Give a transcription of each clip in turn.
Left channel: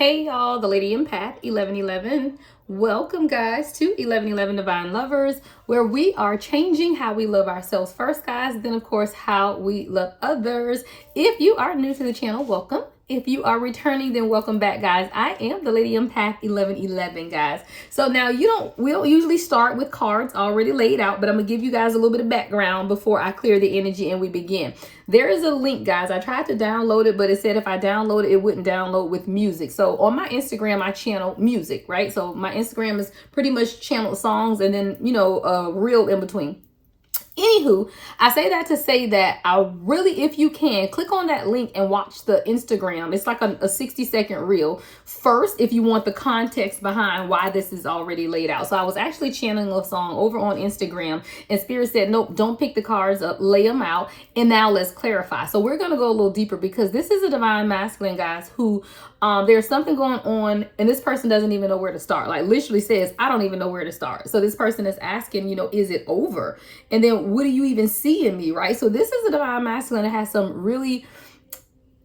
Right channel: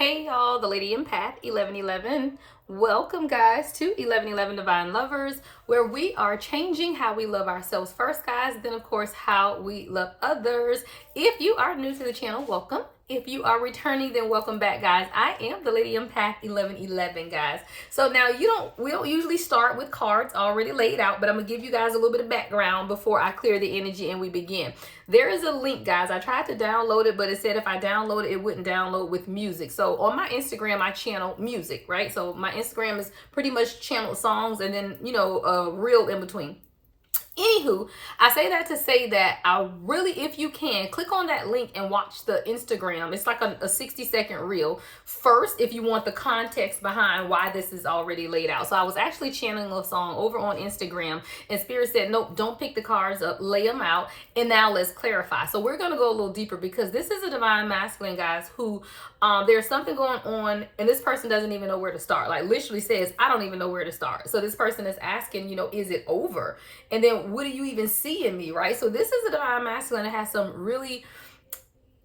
Hey y'all, the Lady Empath 1111. Welcome guys to 1111 Divine Lovers, where we are changing how we love ourselves first, guys, then of course how we love others. If you are new to the channel, welcome. If you are returning, then welcome back, guys. I am the Lady Empath 1111, guys. So now we don't usually start with cards already laid out, but I'm gonna give you guys a little bit of background before I clear the energy and we begin. There is a link, guys. I tried to download it, but it said if I download it, it wouldn't download with music. So on my Instagram, I channel music, right? So my Instagram is pretty much channeled songs and then, a reel in between. Anywho, I say that to say that I really, if you can, click on that link and watch the Instagram. It's like a 60-second reel first if you want the context behind why this is already laid out. So I was actually channeling a song over on Instagram and Spirit said, nope, don't pick the cards up, lay them out. And now let's clarify. So we're going to go a little deeper because this is a divine masculine, guys, who there's something going on and this person doesn't even know where to start. Like literally says, I don't even know where to start. So this person is asking, is it over? And then what do you even see in me, right? So this is a divine masculine that has some really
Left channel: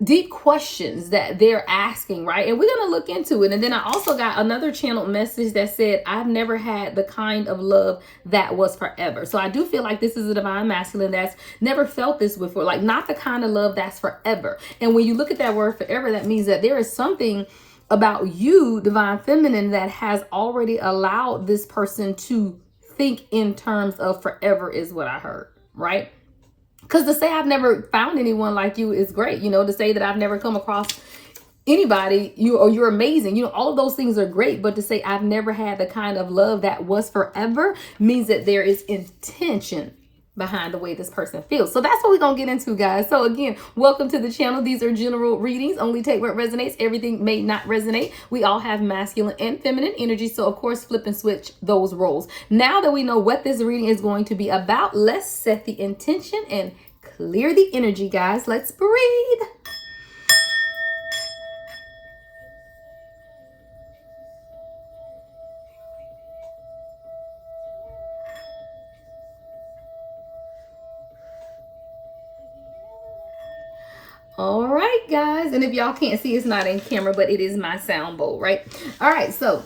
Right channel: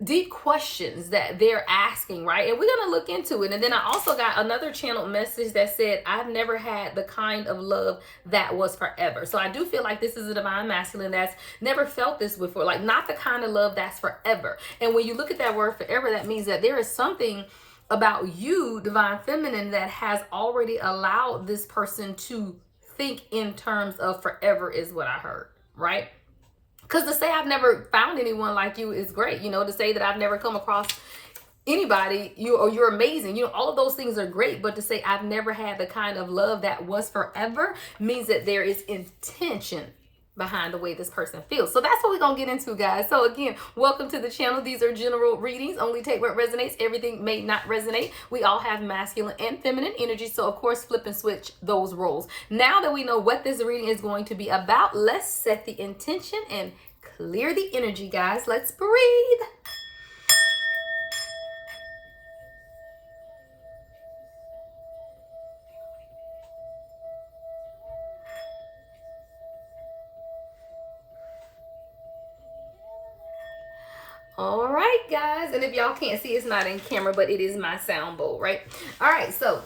deep questions that they're asking, right? And we're going to look into it. And then I also got another channeled message that said, I've never had the kind of love that was forever. So I do feel like this is a divine masculine that's never felt this before, like not the kind of love that's forever. And when you look at that word forever, that means that there is something about you, divine feminine, that has already allowed this person to think in terms of forever is what I heard, right? Because to say I've never found anyone like you is great. To say that I've never come across anybody, you're amazing. All of those things are great. But to say I've never had the kind of love that was forever means that there is intention behind the way this person feels. So that's what we're gonna get into, guys. So again, welcome to the channel. These are general readings. Only take what resonates. Everything may not resonate. We all have masculine and feminine energy, so of course flip and switch those roles. Now that we know what this reading is going to be about, let's set the intention and clear the energy, guys. Let's breathe. All right, guys. And if y'all can't see, it's not in camera, but it is my sound bowl, right? All right, so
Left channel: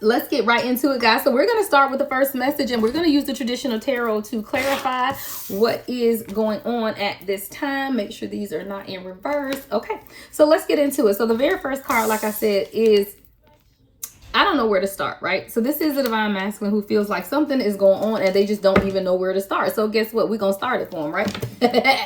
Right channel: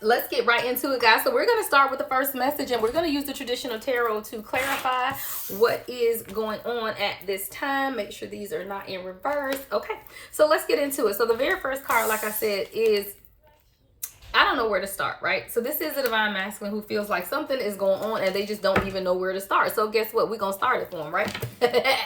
let's get right into it, guys. So we're going to start with the first message, and we're going to use the traditional tarot to clarify what is going on at this time. Make sure these are not in reverse. Okay, so let's get into it. So the very first card, like I said, is I don't know where to start, right? So this is a divine masculine who feels like something is going on and they just don't even know where to start. So guess what? We're going to start it for them, right?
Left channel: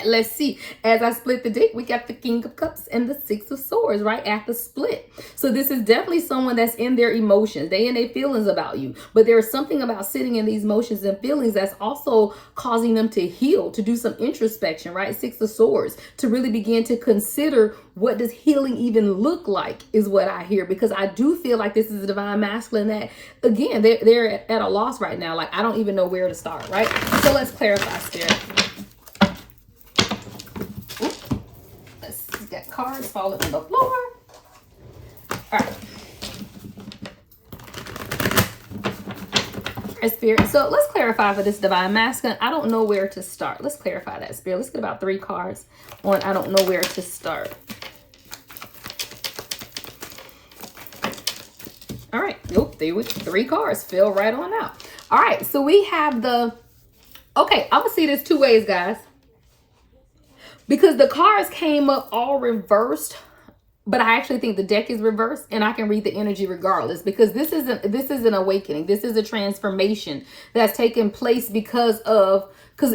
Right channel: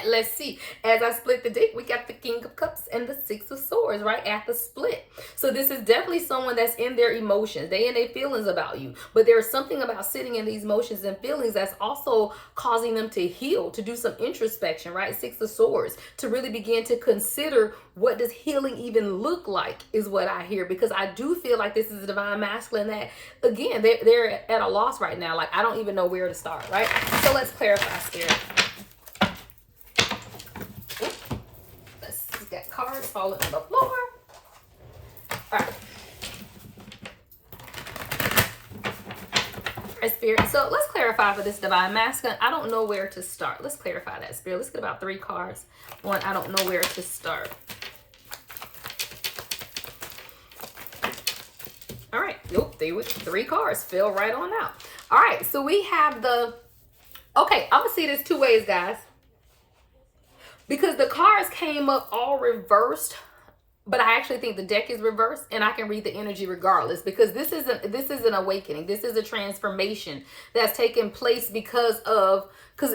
Let's see. As I split the deck, we got the King of Cups and the Six of Swords right at the split. So this is definitely someone that's in their emotions. They in their feelings about you. But there is something about sitting in these emotions and feelings that's also causing them to heal, to do some introspection, right? Six of Swords, to really begin to consider what does healing even look like is what I hear. Because I do feel like this is a divine masculine that, again, they're at a loss right now. Like, I don't even know where to start, right? So let's clarify, Spirit. Let's get cards falling on the floor. All right. All right, Spirit. So let's clarify for this divine masculine. I don't know where to start. Let's clarify that, Spirit. Let's get about 3 cards on I don't know where to start. All right, nope, 3 cards fell right on out. All right, so we have okay, I'm gonna see this 2 ways, guys. Because the cards came up all reversed, but I actually think the deck is reversed and I can read the energy regardless, because this is an awakening. This is a transformation that's taking place because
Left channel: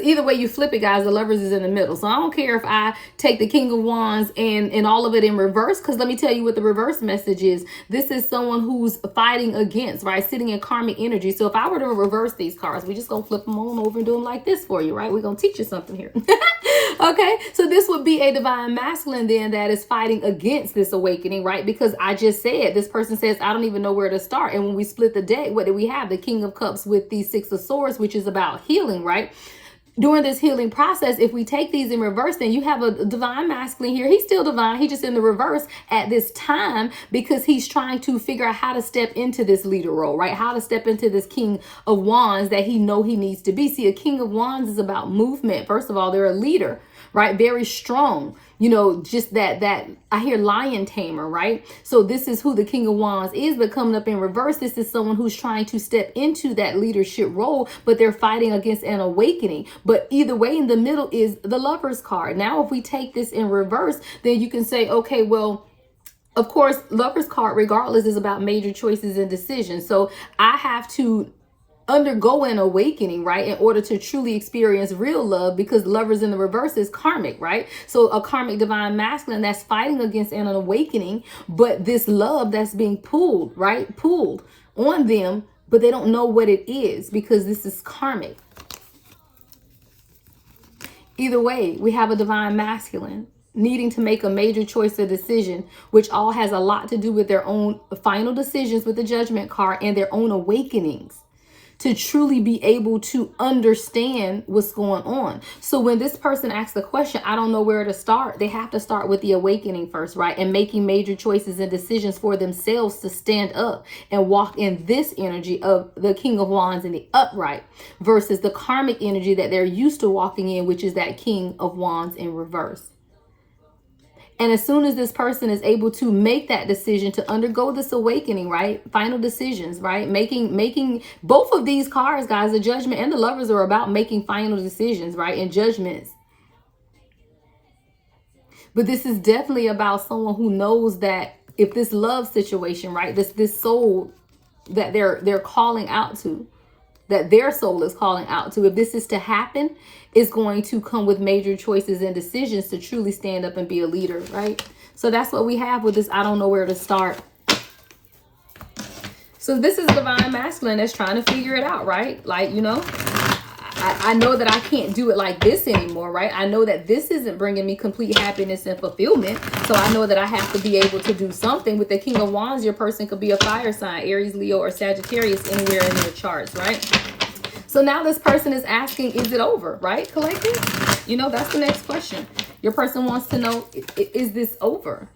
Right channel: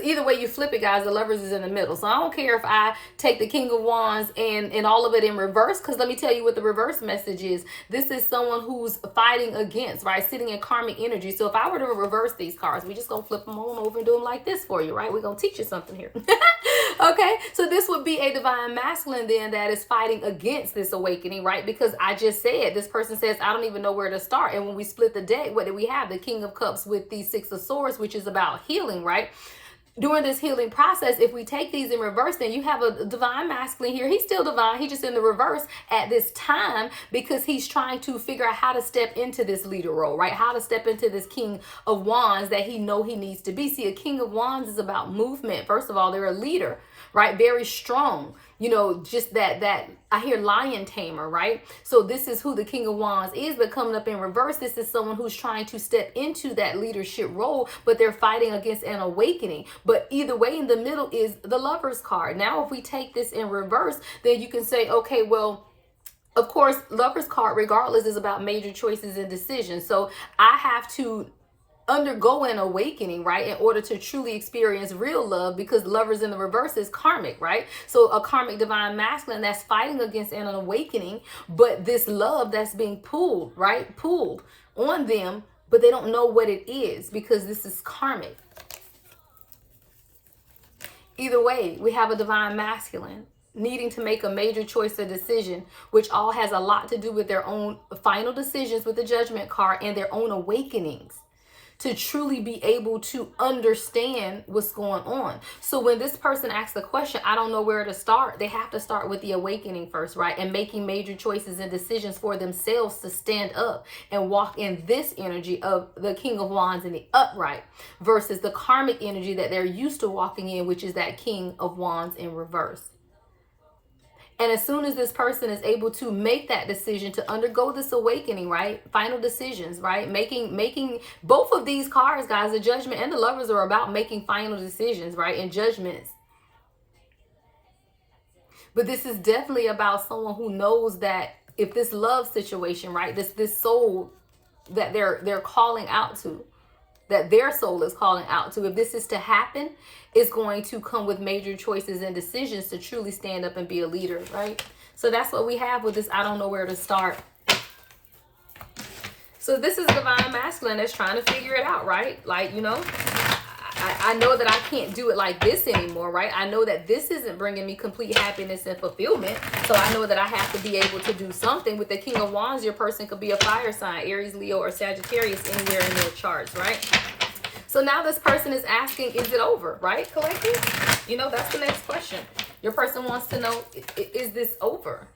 either way you flip it, guys, the Lovers is in the middle. So I don't care if I take the King of Wands and all of it in reverse, because let me tell you what the reverse message is. This is someone who's fighting against, right? Sitting in karmic energy. So if I were to reverse these cards, we just gonna flip them on over and do them like this for you, right? We're gonna teach you something here. Okay, so this would be a divine masculine then that is fighting against this awakening, right? Because I just said, this person says, I don't even know where to start. And when we split the deck, what do we have? The King of Cups with the Six of Swords, which is about healing, right? During this healing process, if we take these in reverse, then you have a divine masculine here. He's still divine. He's just in the reverse at this time because he's trying to figure out how to step into this leader role, right? How to step into this King of Wands that he needs to be. See, a King of Wands is about movement. First of all, they're a leader, right? Very strong. You know, just that I hear lion tamer, right? So this is who the King of Wands is, but coming up in reverse, this is someone who's trying to step into that leadership role, but they're fighting against an awakening. But either way, in the middle is the Lover's card. Now, if we take this in reverse, then you can say, okay, well, of course, Lover's card, regardless, is about major choices and decisions. So I have to undergo an awakening, right, in order to truly experience real love, because Lovers in the reverse is karmic, right? So a karmic divine masculine that's fighting against an awakening, but this love that's being pulled, right, pulled on them, but they don't know what it is because this is karmic. Either way, we have a divine masculine needing to make a major choice or decision, which all has a lot to do with their own final decisions with the Judgment card and their own awakenings, to truly be able to understand what's going on. So when this person asks the question, I don't know where to start, they have to start with the awakening first, right? And making major choices and decisions for themselves to stand up and walk in this energy of the King of Wands in the upright versus the karmic energy that they're used to walking in, which is that King of Wands in reverse. And as soon as this person is able to make that decision to undergo this awakening, right? Final decisions, right? Making both of these cards, guys, the Judgment and the Lovers, are about making final decisions, right? And judgments. But this is definitely about someone who knows that if this love situation, right? This soul that they're calling out to, that their soul is calling out to, if this is to happen, is going to come with major choices and decisions to truly stand up and be a leader, right? So that's what we have with this I don't know where to start. So this is divine masculine that's trying to figure it out, right? Like, you know, I know that I can't do it like this anymore, right? I know that this isn't bringing me complete happiness and fulfillment. So I know that I have to be able to do something. With the King of Wands, your person could be a fire sign, Aries, Leo, or Sagittarius, anywhere in their charts, right? So now this person is asking, is it over, right, collective? You know, that's the next question. Your person wants to know, is this over?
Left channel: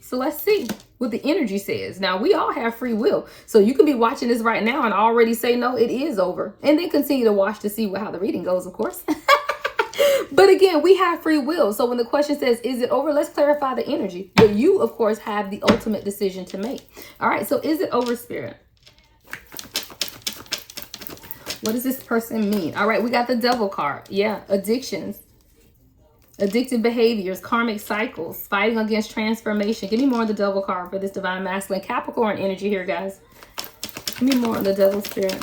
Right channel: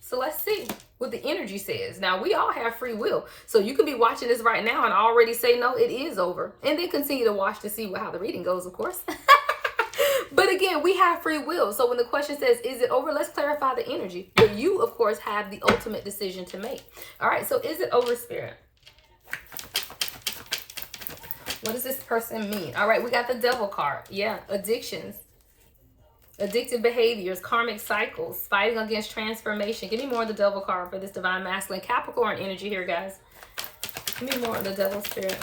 So let's see what the energy says. Now, we all have free will. So you can be watching this right now and already say, no, it is over. And then continue to watch to see how the reading goes, of course. But again, we have free will. So when the question says, is it over? Let's clarify the energy. But you, of course, have the ultimate decision to make. All right, so is it over, Spirit? What does this person mean? All right, we got the Devil card. Yeah, addictions, addictive behaviors, karmic cycles, fighting against transformation. Give me more of the Devil card for this divine masculine. Capricorn energy here, guys. Give me more of the Devil spirit.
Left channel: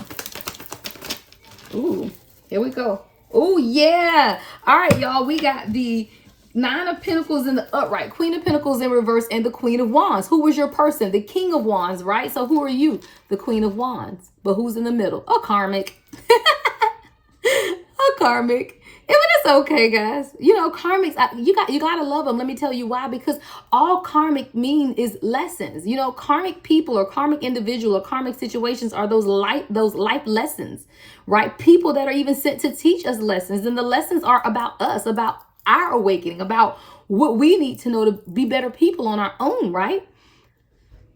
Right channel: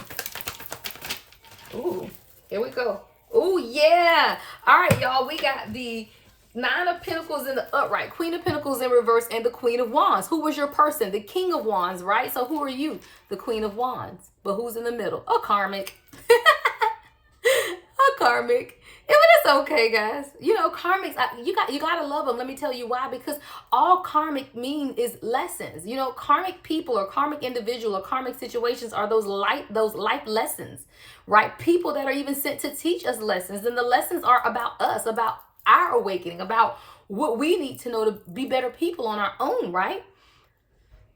Ooh, here we go. Oh, yeah. All right, y'all. We got the Nine of Pentacles in the upright, Queen of Pentacles in reverse, and the Queen of Wands. Who was your person? The King of Wands, right? So who are you? The Queen of Wands. But who's in the middle? A karmic. A karmic. But it's okay, guys. You know, karmics, you gotta love them. Let me tell you why. Because all karmic mean is lessons. You know, karmic people or karmic individual or karmic situations are those life lessons, right? People that are even sent to teach us lessons. And the lessons are about us, about our awakening, about what we need to know to be better people on our own, right?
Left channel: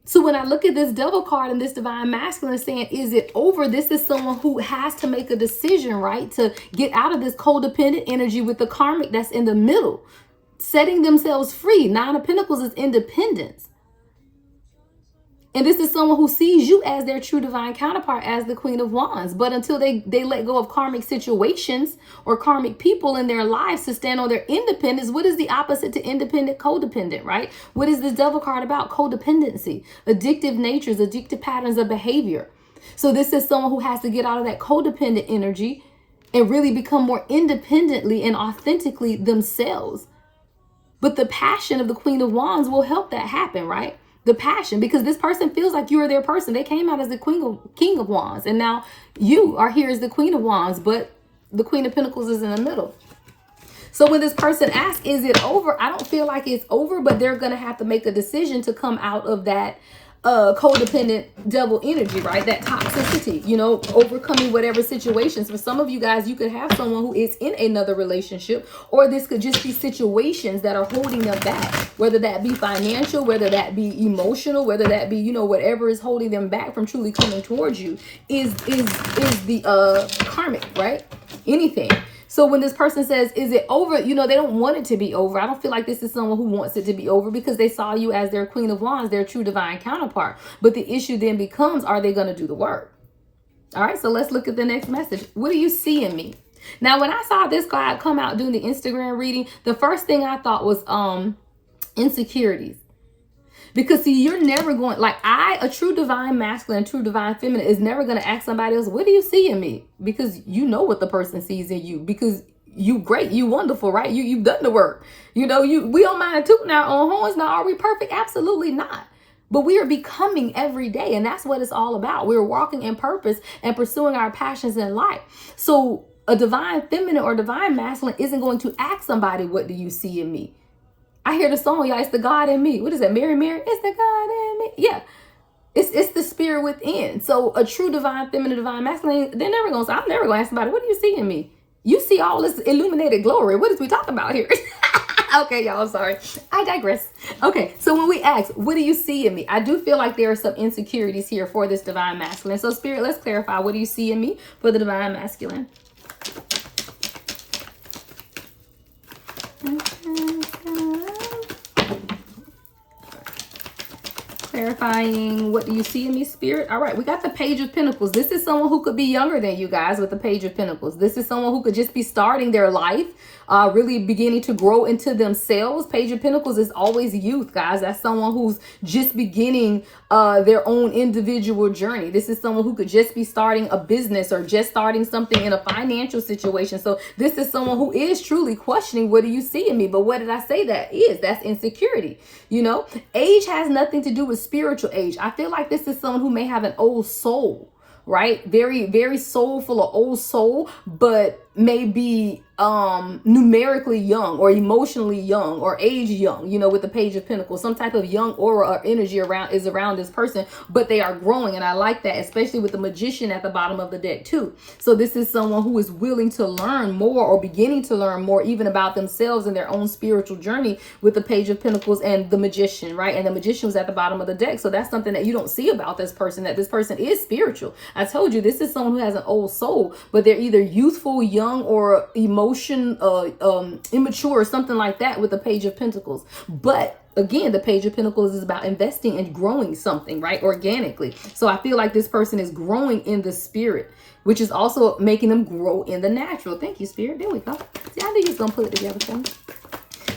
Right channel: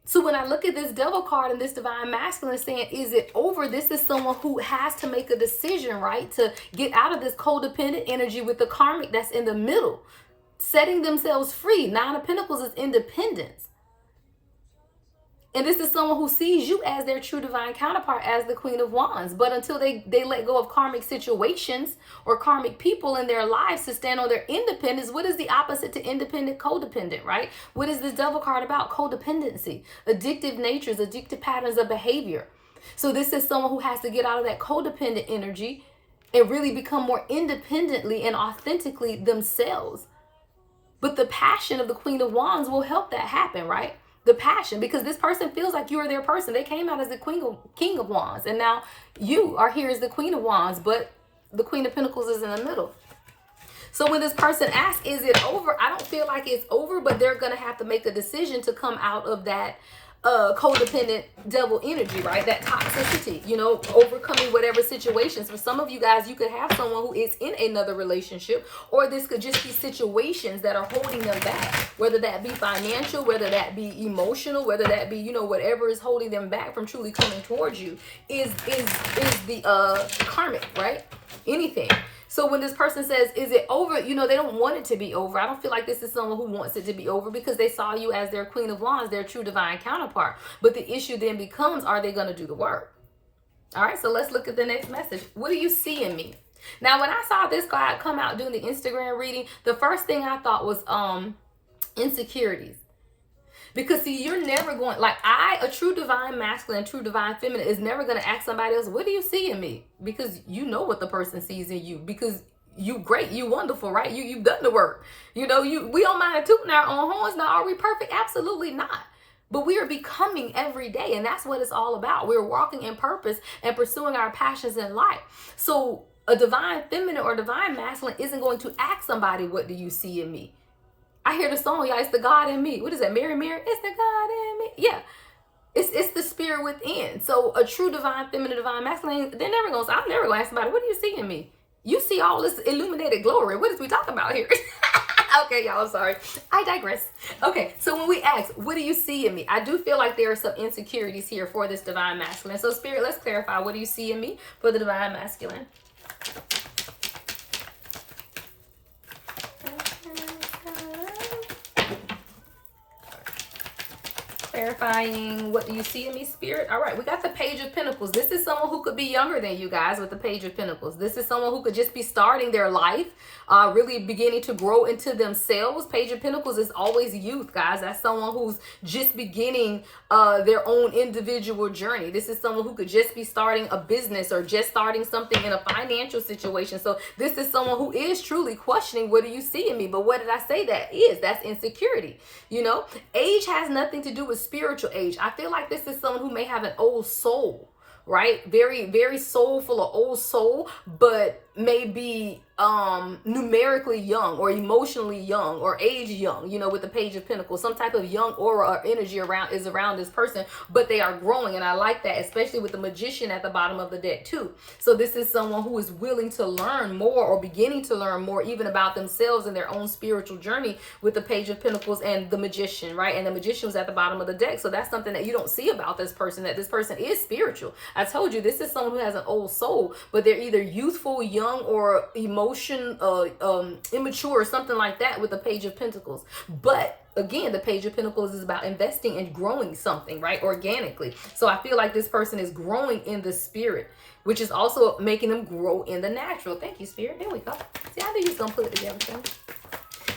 So when I look at this Devil card and this divine masculine saying, is it over? This is someone who has to make a decision, right? To get out of this codependent energy with the karmic that's in the middle, setting themselves free. Nine of Pentacles is independence. And this is someone who sees you as their true divine counterpart, as the Queen of Wands. But until they let go of karmic situations or karmic people in their lives to stand on their independence, what is the opposite to independent? Codependent, right? What is this Devil card about? Codependency, addictive natures, addictive patterns of behavior. So this is someone who has to get out of that codependent energy and really become more independently and authentically themselves. But the passion of the Queen of Wands will help that happen, right? The passion, because this person feels like you are their person. They came out as the King of Wands, and now you are here as the Queen of Wands, but the Queen of Pentacles is in the middle. So when this person asks, is it over? I don't feel like it's over, but they're going to have to make a decision to come out of that codependent devil energy, right? That toxicity, you know, overcoming whatever situations. For some of you guys, you could have someone who is in another relationship, or this could just be situations that are holding them back, whether that be financial, whether that be emotional, whether that be, you know, whatever is holding them back from truly coming towards you is the karmic, right? Anything. So when this person says, is it over? You know, they don't want it to be over. I don't feel like this is someone who wants it to be over because they saw you as their Queen of Wands, their true divine counterpart. But the issue then becomes, are they going to do the work? All right, so let's look at the next message. What do you see in me? Now, when I saw this card come out doing the Instagram reading, the first thing I thought was insecurities. Because see, you're never going, like a true divine masculine, true divine feminine is never going to ask somebody else, what do you see in me? Because you know what the person sees in you. Because you great, you wonderful, right? You've done the work. You know, we don't mind tooting our own horns. Now, are we perfect? Absolutely not. But we are becoming every day, and that's what it's all about. We're walking in purpose and pursuing our passions in life. So a divine feminine or divine masculine isn't going to ask somebody, what do you see in me? I hear the song, y'all, it's the God in me. What is that, Mary Mary? It's the God in me. Yeah, it's the spirit within. So a true divine feminine, divine masculine, they're never going to say, I'm never going to ask somebody, what do you see in me? You see all this illuminated glory. What is we talking about here? Okay, y'all, I'm sorry. I digress. Okay, so when we ask, what do you see in me? I do feel like there are some insecurities here for this divine masculine. So spirit, let's clarify. What do you see in me for the divine masculine? Clarifying, what do you see in me, spirit? All right, we got the Page of Pentacles. This is someone who could be younger than you guys with the Page of Pentacles. This is someone who could just be starting their life, really beginning to grow into themselves. Page of Pentacles is always youth, guys. That's someone who's just beginning their own individual journey. This is someone who could just be starting a business or just starting something in a financial situation. So this is someone who is truly questioning, what do you see in me? But what did I say that is? That's insecurity. You know, age has nothing to do with spiritual age. I feel like this is someone who may have an old soul, right? Very, very soulful or old soul, but maybe numerically young or emotionally young or age young, you know, with the Page of Pentacles. Some type of young aura or energy around this person, but they are growing. And I like that, especially with the Magician at the bottom of the deck too. So this is someone who is willing to learn more or beginning to learn more even about themselves and their own spiritual journey with the Page of Pentacles and the Magician, right? And the Magician was at the bottom of the deck. So that's something that you don't see about this person, that this person is spiritual. I told you, this is someone who has an old soul, but they're either youthful, young, or immature or something like that with the Page of Pentacles. But again, the Page of Pentacles is about investing and growing something, right? Organically. So I feel like this person is growing in the spirit, which is also making them grow in the natural. Thank you, spirit. There we go. See, I knew you was going to put it together for me.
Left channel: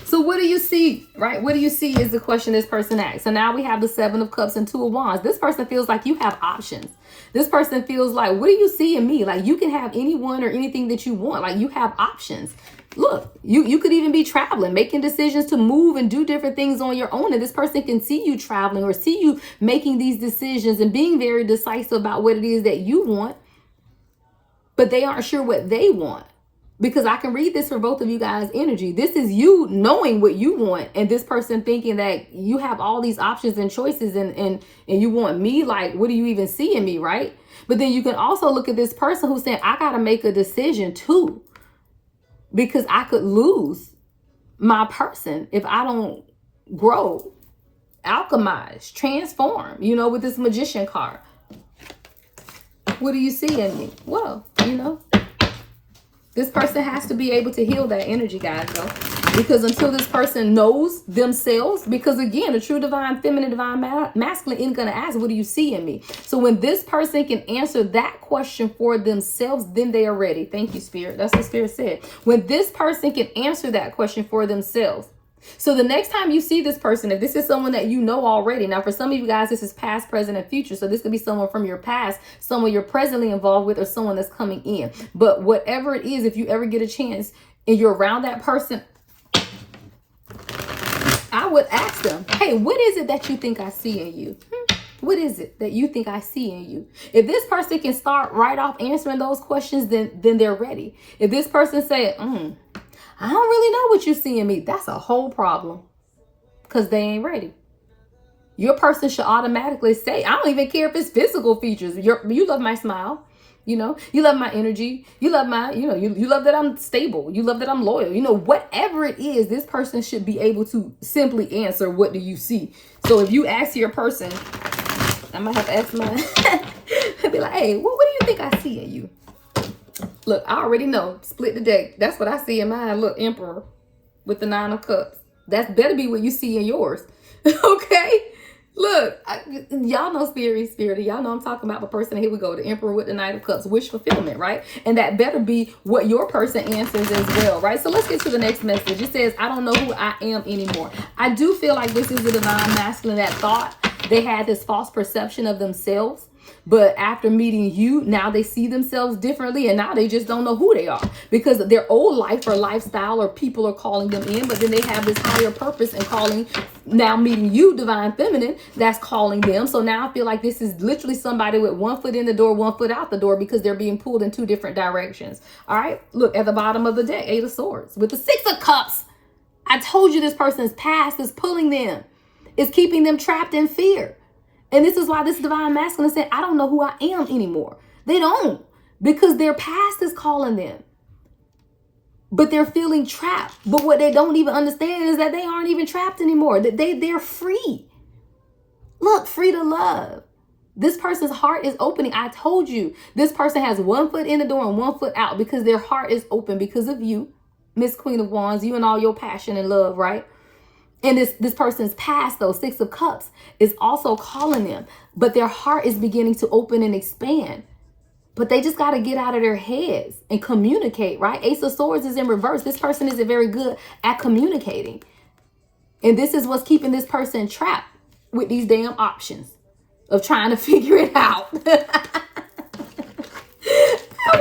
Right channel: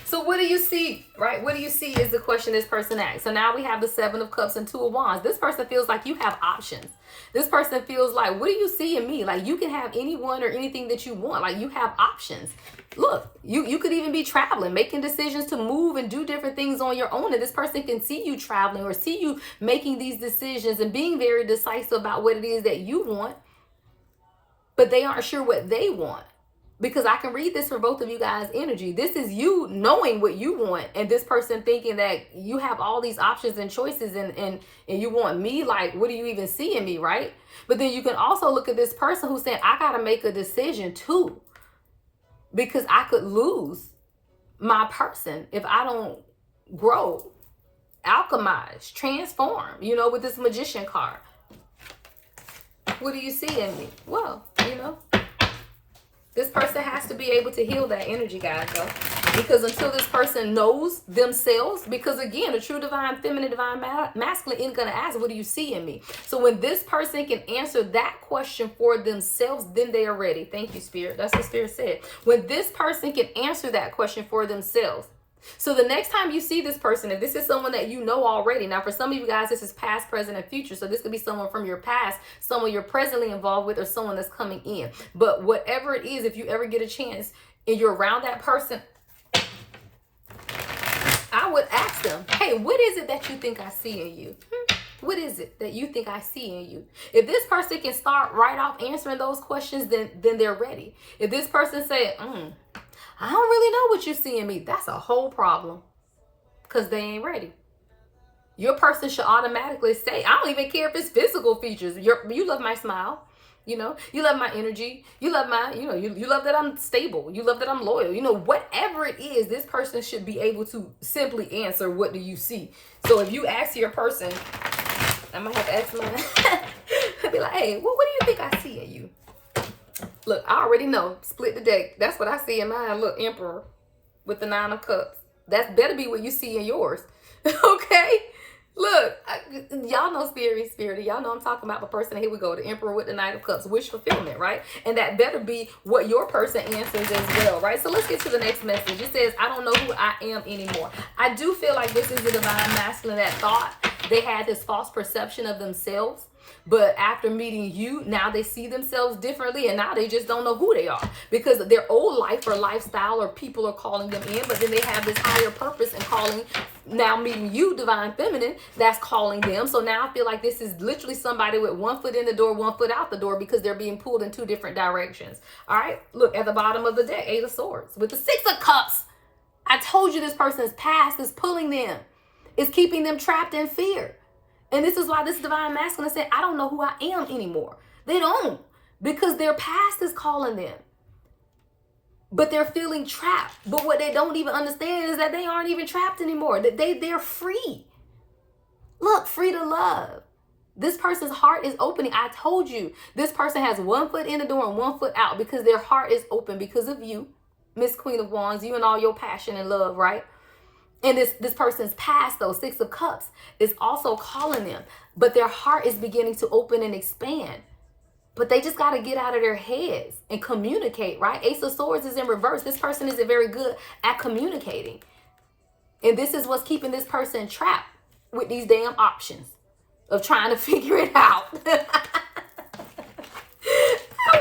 So what do you see, right? What do you see is the question this person asks. So now we have the Seven of Cups and Two of Wands. This person feels like you have options. This person feels like, what do you see in me? Like you can have anyone or anything that you want. Like you have options. Look, you could even be traveling, making decisions to move and do different things on your own. And this person can see you traveling or see you making these decisions and being very decisive about what it is that you want, but they aren't sure what they want. Because I can read this for both of you guys' energy. This is you knowing what you want and this person thinking that you have all these options and choices and you want me. Like, what do you even see in me, right? But then you can also look at this person who's saying, I got to make a decision too. Because I could lose my person if I don't grow, alchemize, transform, you know, with this Magician card. What do you see in me? Well, you know. This person has to be able to heal that energy, guys, though. Because until this person knows themselves, because again, a true divine feminine, divine masculine isn't going to ask, what do you see in me? So when this person can answer that question for themselves, then they are ready. Thank you, Spirit. That's what Spirit said. When this person can answer that question for themselves. So the next time you see this person, if this is someone that you know already, now for some of you guys, this is past, present, and future. So this could be someone from your past, someone you're presently involved with, or someone that's coming in. But whatever it is, if you ever get a chance and you're around that person, I would ask them, hey, what is it that you think I see in you? What is it that you think I see in you? If this person can start right off answering those questions, then they're ready. If this person said, I don't really know what you see in me, that's a whole problem because they ain't ready. Your person should automatically say, I don't even care if it's physical features. You love my smile. You know, you love my energy. You love my, you love that I'm stable. You love that I'm loyal. You know, whatever it is, this person should be able to simply answer, what do you see? So if you ask your person, I might have to ask mine. I'd be like, hey, what do you think I see in you? Look, I already know. Split the deck. That's what I see in mine. Look, Emperor with the 9 of Cups. That better be what you see in yours. Okay? Look, y'all know spirit. Y'all know I'm talking about the person. Here we go. The Emperor with the Knight of Cups. Wish fulfillment, right? And that better be what your person answers as well, right? So let's get to the next message. It says, I don't know who I am anymore. I do feel like this is the divine masculine that thought they had this false perception of themselves. But after meeting you, now they see themselves differently, and now they just don't know who they are because their old life or lifestyle or people are calling them in, but then they have this higher purpose and calling, now meeting you, divine feminine, that's calling them. So now I feel like this is literally somebody with 1 foot in the door, 1 foot out the door because they're being pulled in 2 different directions. All right, look at the bottom of the deck, 8 of Swords with the 6 of Cups. I told you this person's past is pulling them, is keeping them trapped in fear. And this is why this divine masculine said, I don't know who I am anymore. They don't, because their past is calling them. But they're feeling trapped. But what they don't even understand is that they aren't even trapped anymore. They're free. Look, free to love. This person's heart is opening. I told you, this person has 1 foot in the door and 1 foot out because their heart is open because of you, Miss Queen of Wands, you and all your passion and love, right? And this person's past, though, 6 of Cups, is also calling them. But their heart is beginning to open and expand. But they just got to get out of their heads and communicate, right? Ace of Swords is in reverse. This person isn't very good at communicating. And this is what's keeping this person trapped with these damn options of trying to figure it out. We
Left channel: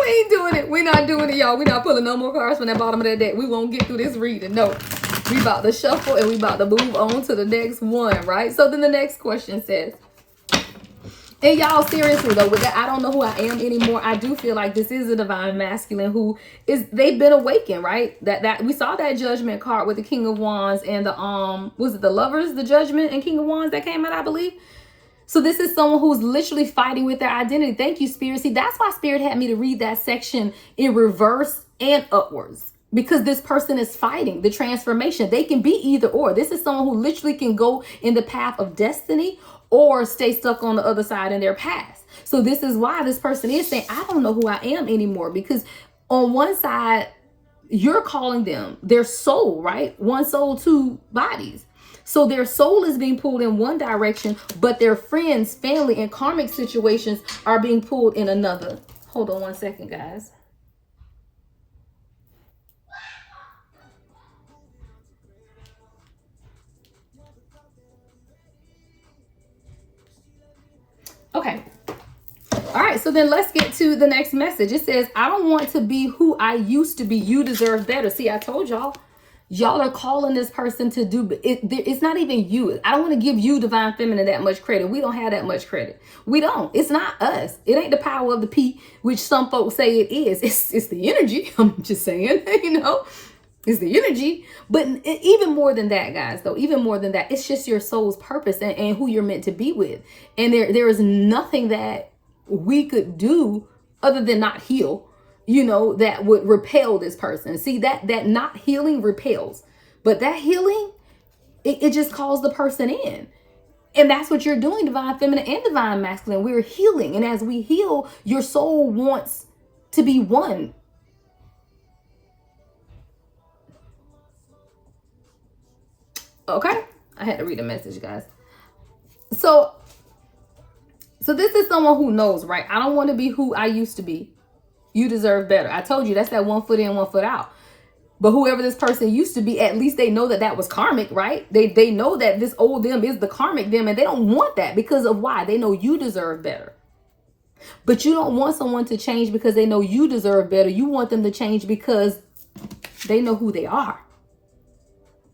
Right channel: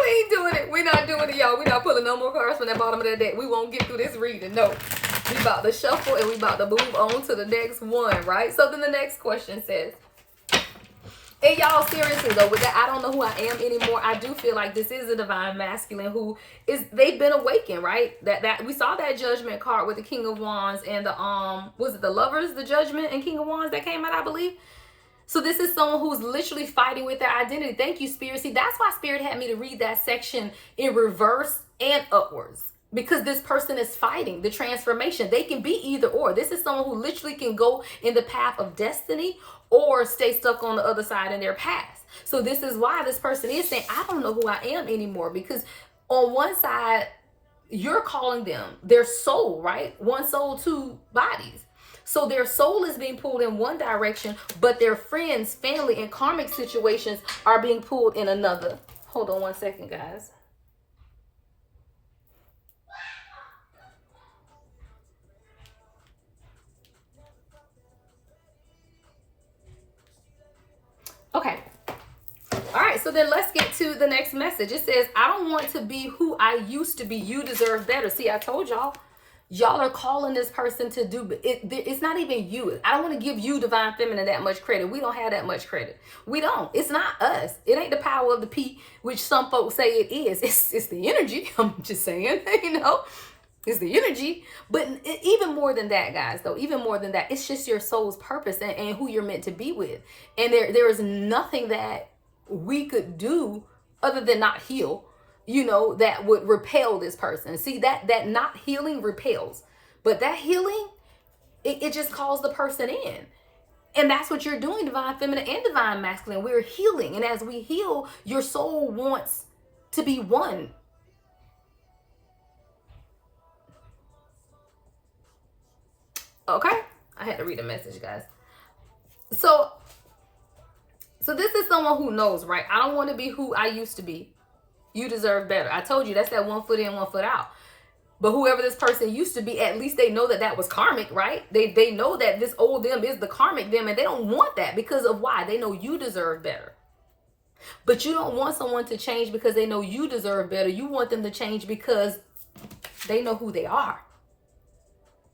ain't doing it. We're not doing it, y'all. We're not pulling no more cards from that bottom of that deck. We won't get through this reading. No. We about to shuffle and we about to move on to the next one, right? So then the next question says, and y'all, seriously though, with that, I don't know who I am anymore. I do feel like this is a divine masculine who is, they've been awakened, right? That we saw that Judgment card with the King of Wands and the, was it the Lovers, the Judgment and King of Wands that came out, I believe? So this is someone who's literally fighting with their identity. Thank you, Spirit. See, that's why Spirit had me to read that section in reverse and upwards. Because this person is fighting the transformation. They can be either or. This is someone who literally can go in the path of destiny or stay stuck on the other side in their past. So this is why this person is saying, I don't know who I am anymore. Because on one side, you're calling them their soul, right? One soul, 2 bodies. So their soul is being pulled in one direction, but their friends, family, and karmic situations are being pulled in another. Hold on 1 second, guys. Okay. All right. So then let's get to the next message. It says, I don't want to be who I used to be. You deserve better. See, I told y'all. Y'all are calling this person to do it. It's not even you. I don't want to give you, divine feminine, that much credit. We don't have that much credit. We don't. It's not us. It ain't the power of the P, which some folks say it is. It's the energy. I'm just saying, you know. It's the energy. But even more than that, guys, though, even more than that, it's just your soul's purpose and who you're meant to be with. And there is nothing that we could do other than not heal, you know, that would repel this person. See, that not healing repels. But that healing, it just calls the person in. And that's what you're doing, divine feminine and divine masculine. We're healing. And as we heal, your soul wants to be one. Okay, I had to read a message, guys. So this is someone who knows, right? I don't want to be who I used to be. You deserve better. I told you that's that 1 foot in, 1 foot out. But whoever this person used to be, at least they know that was karmic, right? They know that this old them is the karmic them, and they don't want that because of why? They know you deserve better. But you don't want someone to change because they know you deserve better. You want them to change because they know who they are,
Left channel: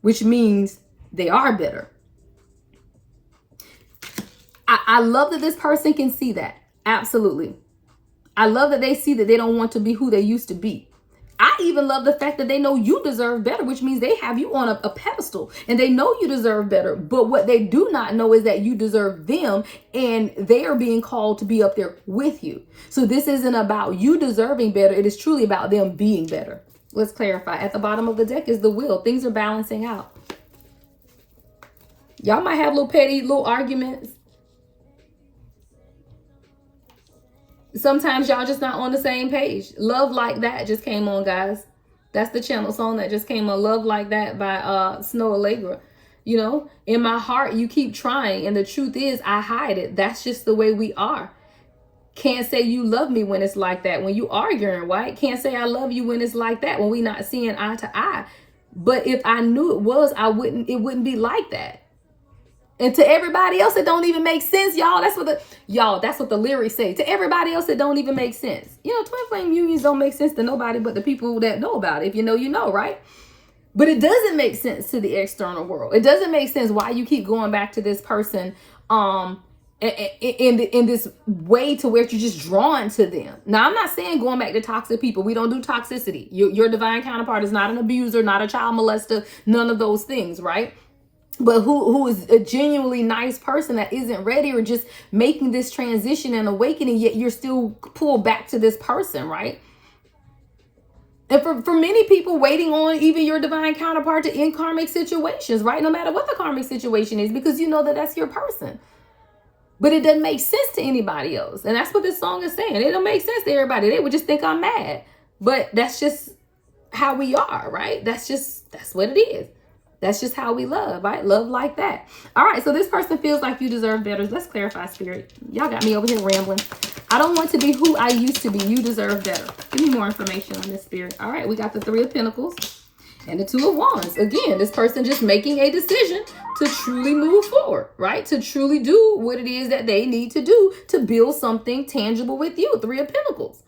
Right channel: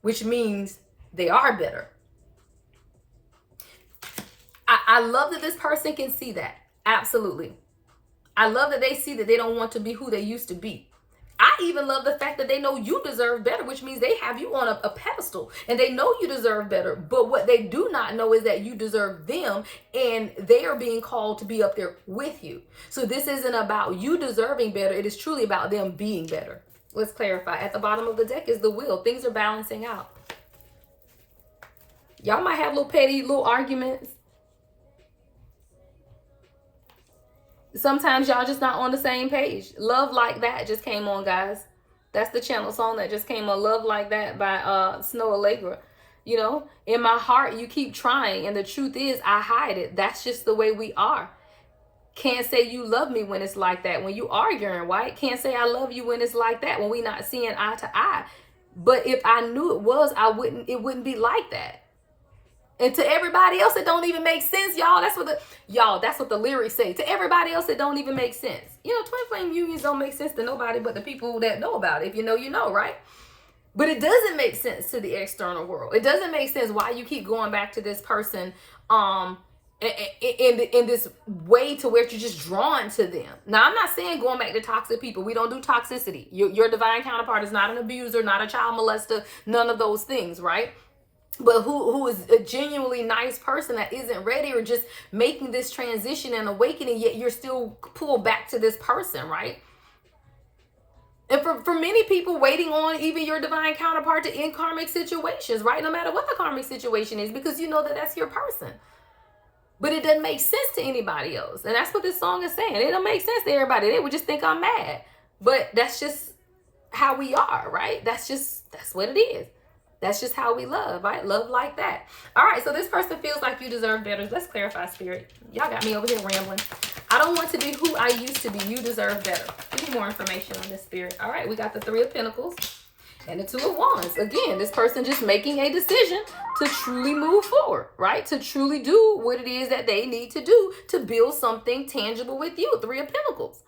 which means they are better. I love that this person can see that. Absolutely. I love that they see that they don't want to be who they used to be. I even love the fact that they know you deserve better, which means they have you on a pedestal and they know you deserve better. But what they do not know is that you deserve them and they are being called to be up there with you. So this isn't about you deserving better. It is truly about them being better. Let's clarify. At the bottom of the deck is the wheel. Things are balancing out. Y'all might have little petty, little arguments. Sometimes y'all just not on the same page. Love Like That just came on, guys. That's the channel song that just came on. Love Like That by Snow Allegra. You know, in my heart, you keep trying. And the truth is, I hide it. That's just the way we are. Can't say you love me when it's like that. When you arguing, right? Can't say I love you when it's like that. When we not seeing eye to eye. But if I knew it was, it wouldn't be like that. And to everybody else, it don't even make sense, y'all. That's what the lyrics say. To everybody else, it don't even make sense. You know, twin flame unions don't make sense to nobody but the people that know about it. If you know, you know, right? But it doesn't make sense to the external world. It doesn't make sense why you keep going back to this person in this way to where you're just drawn to them. Now, I'm not saying going back to toxic people. We don't do toxicity. Your divine counterpart is not an abuser, not a child molester, none of those things, right? But who is a genuinely nice person that isn't ready or just making this transition and awakening, yet you're still pulled back to this person, right? And for many people, waiting on even your divine counterpart to end karmic situations, right? No matter what the karmic situation is, because you know that that's your person. But it doesn't make sense to anybody else. And that's what this song is saying. It don't make sense to everybody. They would just think I'm mad. But that's just how we are, right? That's what it is. That's just how we love, right? Love like that. All right, so this person feels like you deserve better. Let's clarify, Spirit. Y'all got me over here rambling. I don't want to be who I used to be. You deserve better. Give me more information on this, Spirit. All right, we got the Three of Pentacles and the Two of Wands. Again, this person just making a decision to truly move forward, right? To truly do what it is that they need to do to build something tangible with you. Three of Pentacles.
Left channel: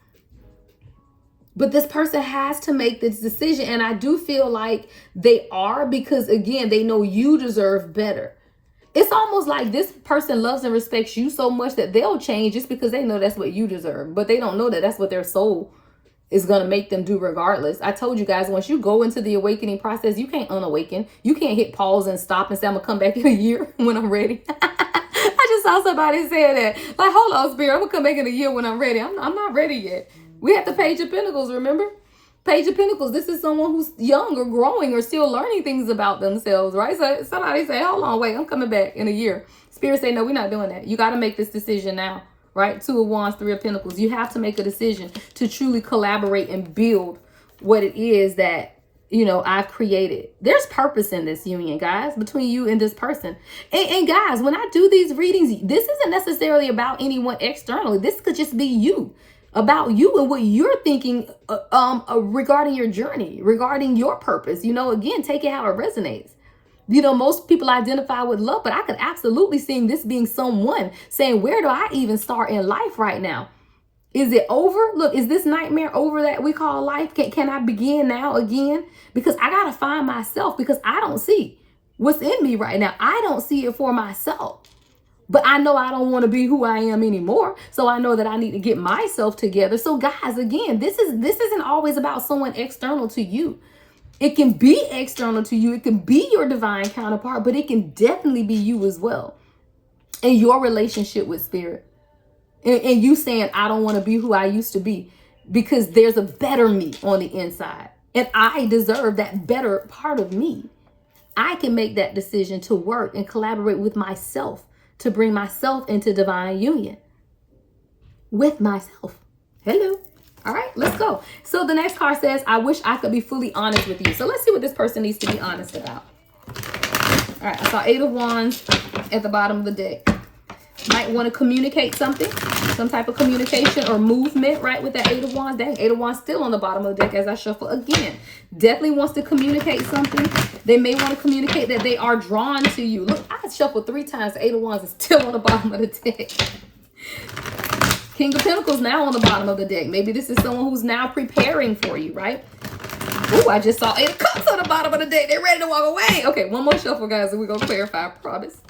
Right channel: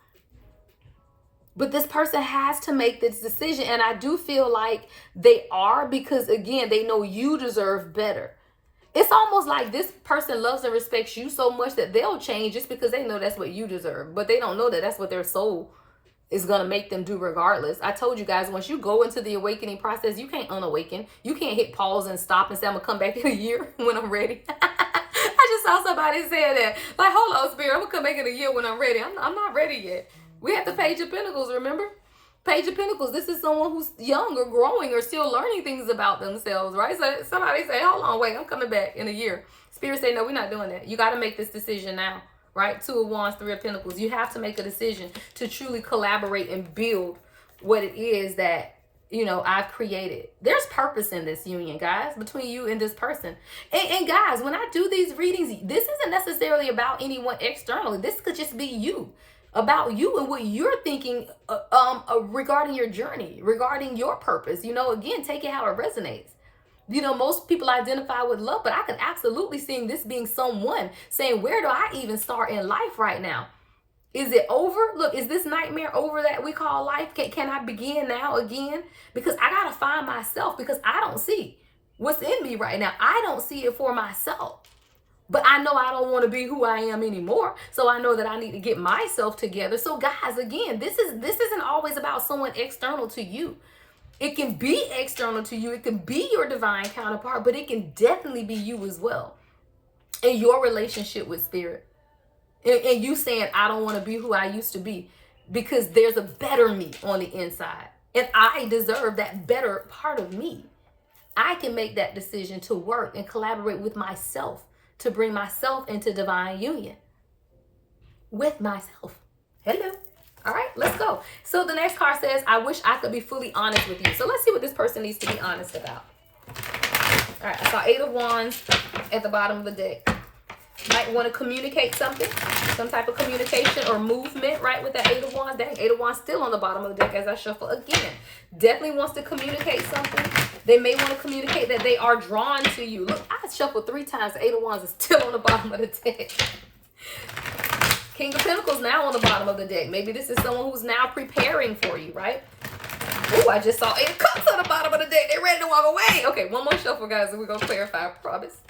But this person has to make this decision. And I do feel like they are, because again, they know you deserve better. It's almost like this person loves and respects you so much that they'll change just because they know that's what you deserve. But they don't know that that's what their soul is going to make them do regardless. I told you guys, once you go into the awakening process, you can't unawaken. You can't hit pause and stop and say, I'm going to come back in a year when I'm ready. I just saw somebody say that. Like, hold on, Spirit, I'm going to come back in a year when I'm ready. I'm not ready yet. We have the Page of Pentacles, remember? Page of Pentacles, this is someone who's young or growing or still learning things about themselves, right? So somebody say, hold on, wait, I'm coming back in a year. Spirit say, no, we're not doing that. You got to make this decision now, right? Two of Wands, Three of Pentacles. You have to make a decision to truly collaborate and build what it is that, you know, I've created. There's purpose in this union, guys, between you and this person. And guys, when I do these readings, this isn't necessarily about anyone externally. This could just be you. About you and what you're thinking regarding your journey, regarding your purpose. You know, again, take it how it resonates. You know, most people identify with love, but I could absolutely see this being someone saying, where do I even start in life right now? Is it over? Look, is this nightmare over that we call life? Can I begin now again? Because I got to find myself, because I don't see what's in me right now. I don't see it for myself. But I know I don't want to be who I am anymore. So I know that I need to get myself together. So guys, again, this isn't always about someone external to you. It can be external to you. It can be your divine counterpart, but it can definitely be you as well. And your relationship with Spirit. And you saying, I don't want to be who I used to be, because there's a better me on the inside. And I deserve that better part of me. I can make that decision to work and collaborate with myself, to bring myself into divine union with myself. Hello. All right, let's go. So the next card says, I wish I could be fully honest with you. So let's see what this person needs to be honest about. All right, I saw Eight of Wands at the bottom of the deck. Might want to communicate something, some type of communication or movement, right, with that Eight of Wands. Dang, Eight of Wands still on the bottom of the deck as I shuffle again. Definitely wants to communicate something. They may want to communicate that they are drawn to you. Look, I shuffled 3 times. The Eight of Wands is still on the bottom of the deck. King of Pentacles now on the bottom of the deck. Maybe this is someone who's now preparing for you, right? Oh, I just saw Eight of Cups on the bottom of the deck. They're ready to walk away. Okay, one more shuffle, guys, and we're going to clarify, I promise.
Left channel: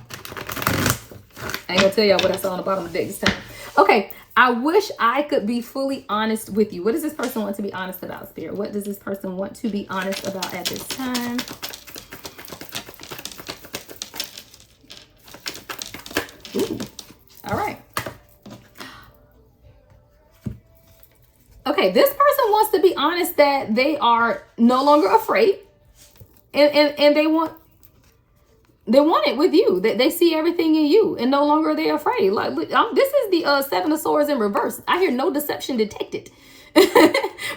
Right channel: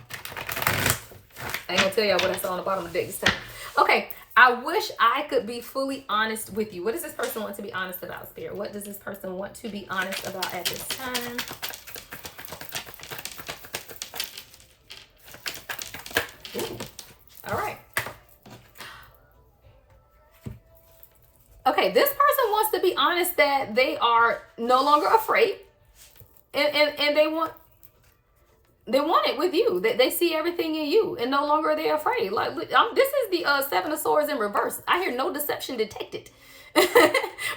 I ain't gonna tell y'all what I saw on the bottom of the deck this time. Okay, I wish I could be fully honest with you. What does this person want to be honest about, Spirit? What does this person want to be honest about at this time? Ooh, all right. Okay, this person wants to be honest that they are no longer afraid. And they want... They want it with you. They see everything in you, and no longer are they afraid. Like, this is the Seven of Swords in reverse. I hear no deception detected.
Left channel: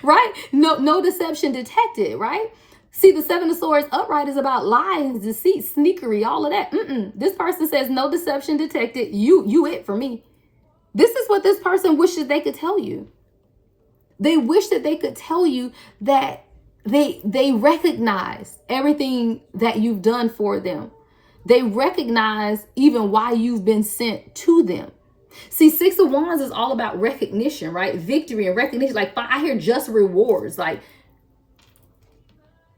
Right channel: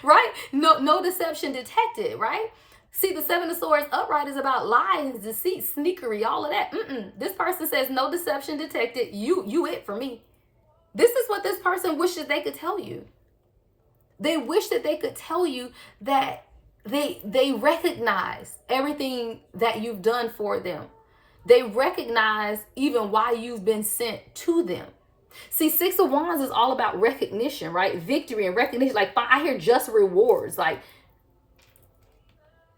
Right? No deception detected, right? See, the Seven of Swords upright is about lies, deceit, sneakery, all of that. This person says no deception detected. You it for me. This is what this person wishes they could tell you. They wish that they could tell you that they recognize everything that you've done for them. They recognize even why you've been sent to them. See, Six of Wands is all about recognition, right? Victory and recognition. Like, I hear just rewards. Like,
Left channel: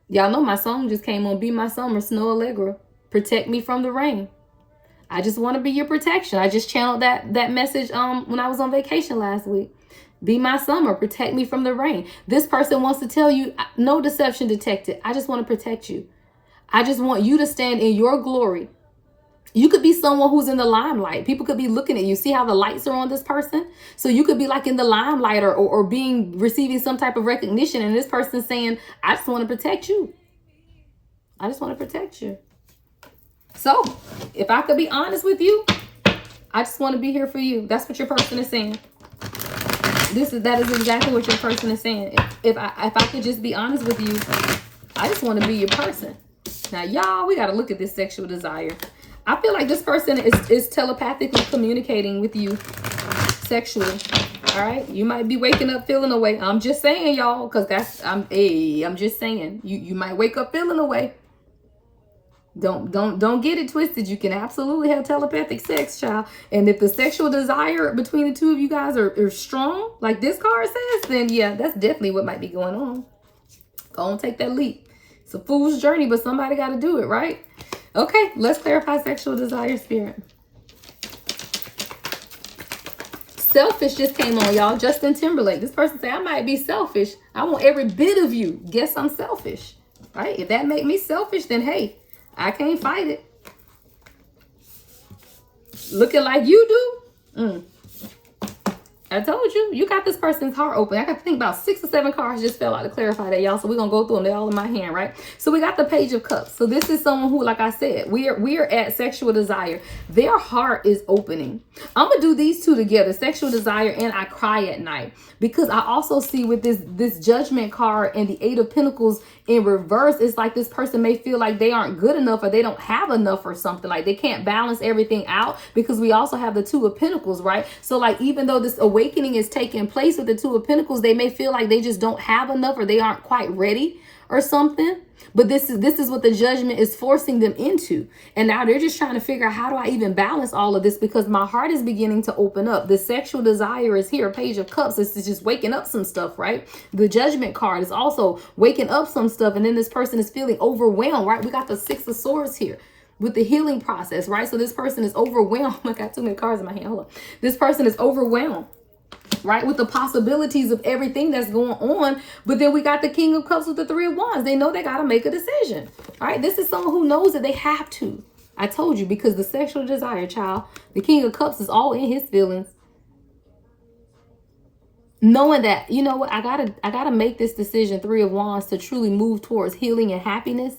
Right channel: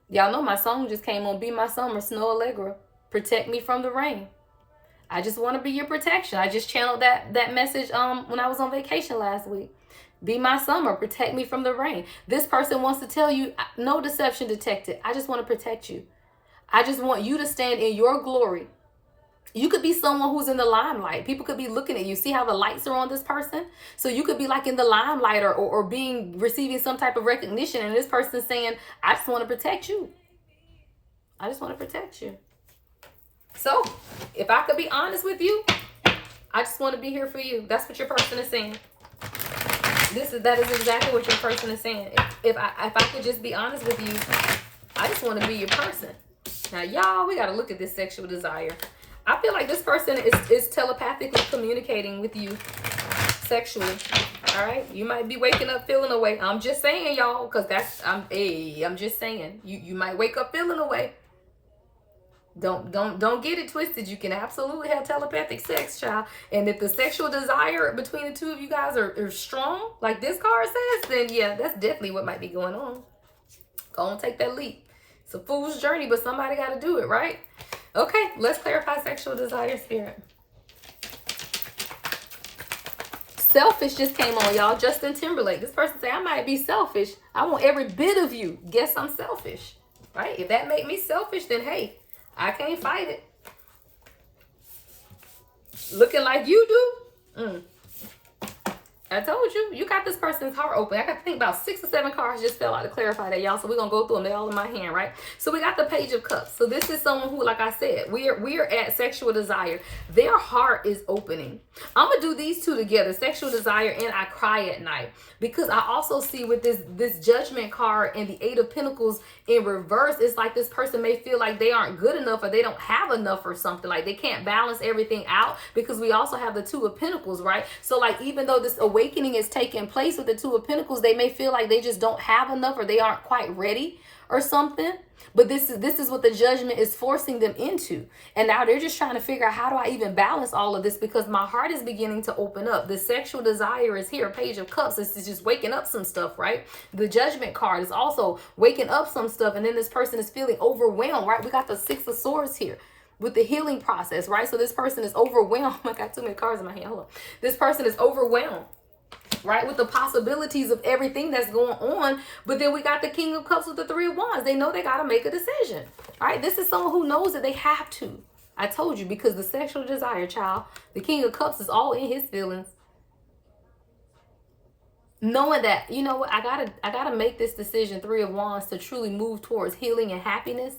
y'all know my song just came on, Be My Summer, Snow Allegra. Protect me from the rain. I just want to be your protection. I just channeled that message when I was on vacation last week. Be my summer, protect me from the rain. This person wants to tell you, no deception detected. I just want to protect you. I just want you to stand in your glory. You could be someone who's in the limelight. People could be looking at you. See how the lights are on this person? So you could be like in the limelight or receiving some type of recognition. And this person's saying, I just want to protect you. I just want to protect you. So if I could be honest with you, I just want to be here for you. That's what your person is saying. That is exactly what your person is saying. If I could just be honest with you, I just want to be your person. Now, y'all, we got to look at this sexual desire. I feel like this person is telepathically communicating with you sexually. All right, you might be waking up feeling away. I'm just saying, y'all, because I'm just saying you might wake up feeling away. Don't get it twisted. You can absolutely have telepathic sex, child. And if the sexual desire between the two of you guys are strong, like this card says, then yeah, that's definitely what might be going on. Go on, take that leap. It's a fool's journey, but somebody got to do it, right? Okay, let's clarify sexual desire, spirit. Selfish just came on, y'all. Justin Timberlake. This person say, I might be selfish. I want every bit of you. Guess I'm selfish, right? If that make me selfish, then hey, I can't fight it. Looking like you do? I told you, you got this person's heart open. I got to think about 6 or 7 cards just fell out to clarify that, y'all. So we're going to go through them. They're all in my hand, right? So we got the Page of Cups. So this is someone who, like I said, we are at sexual desire. Their heart is opening. I'm going to do these two together, sexual desire and I cry at night. Because I also see with this Judgment card and the 8 of Pentacles in reverse, it's like this person may feel like they aren't good enough or they don't have enough or something. Like they can't balance everything out because we also have the 2 of Pentacles, right? So like even though this awakening is taking place with the 2 of Pentacles, they may feel like they just don't have enough or they aren't quite ready or something. But this is what the Judgment is forcing them into. And now they're just trying to figure out, how do I even balance all of this? Because my heart is beginning to open up. The sexual desire is here. Page of Cups is just waking up some stuff, right? The Judgment card is also waking up some stuff. And then this person is feeling overwhelmed, right? We got the 6 of Swords here with the healing process, right? So this person is overwhelmed. I got too many cards in my hand. Hold on. This person is overwhelmed, right, with the possibilities of everything that's going on. But then we got the King of Cups with the 3 of Wands. They know they got to make a decision. All right, this is someone who knows that they have to. I told you, because the sexual desire, child, the King of Cups is all in his feelings. Knowing that, you know what, I gotta make this decision, 3 of Wands, to truly move towards healing and happiness.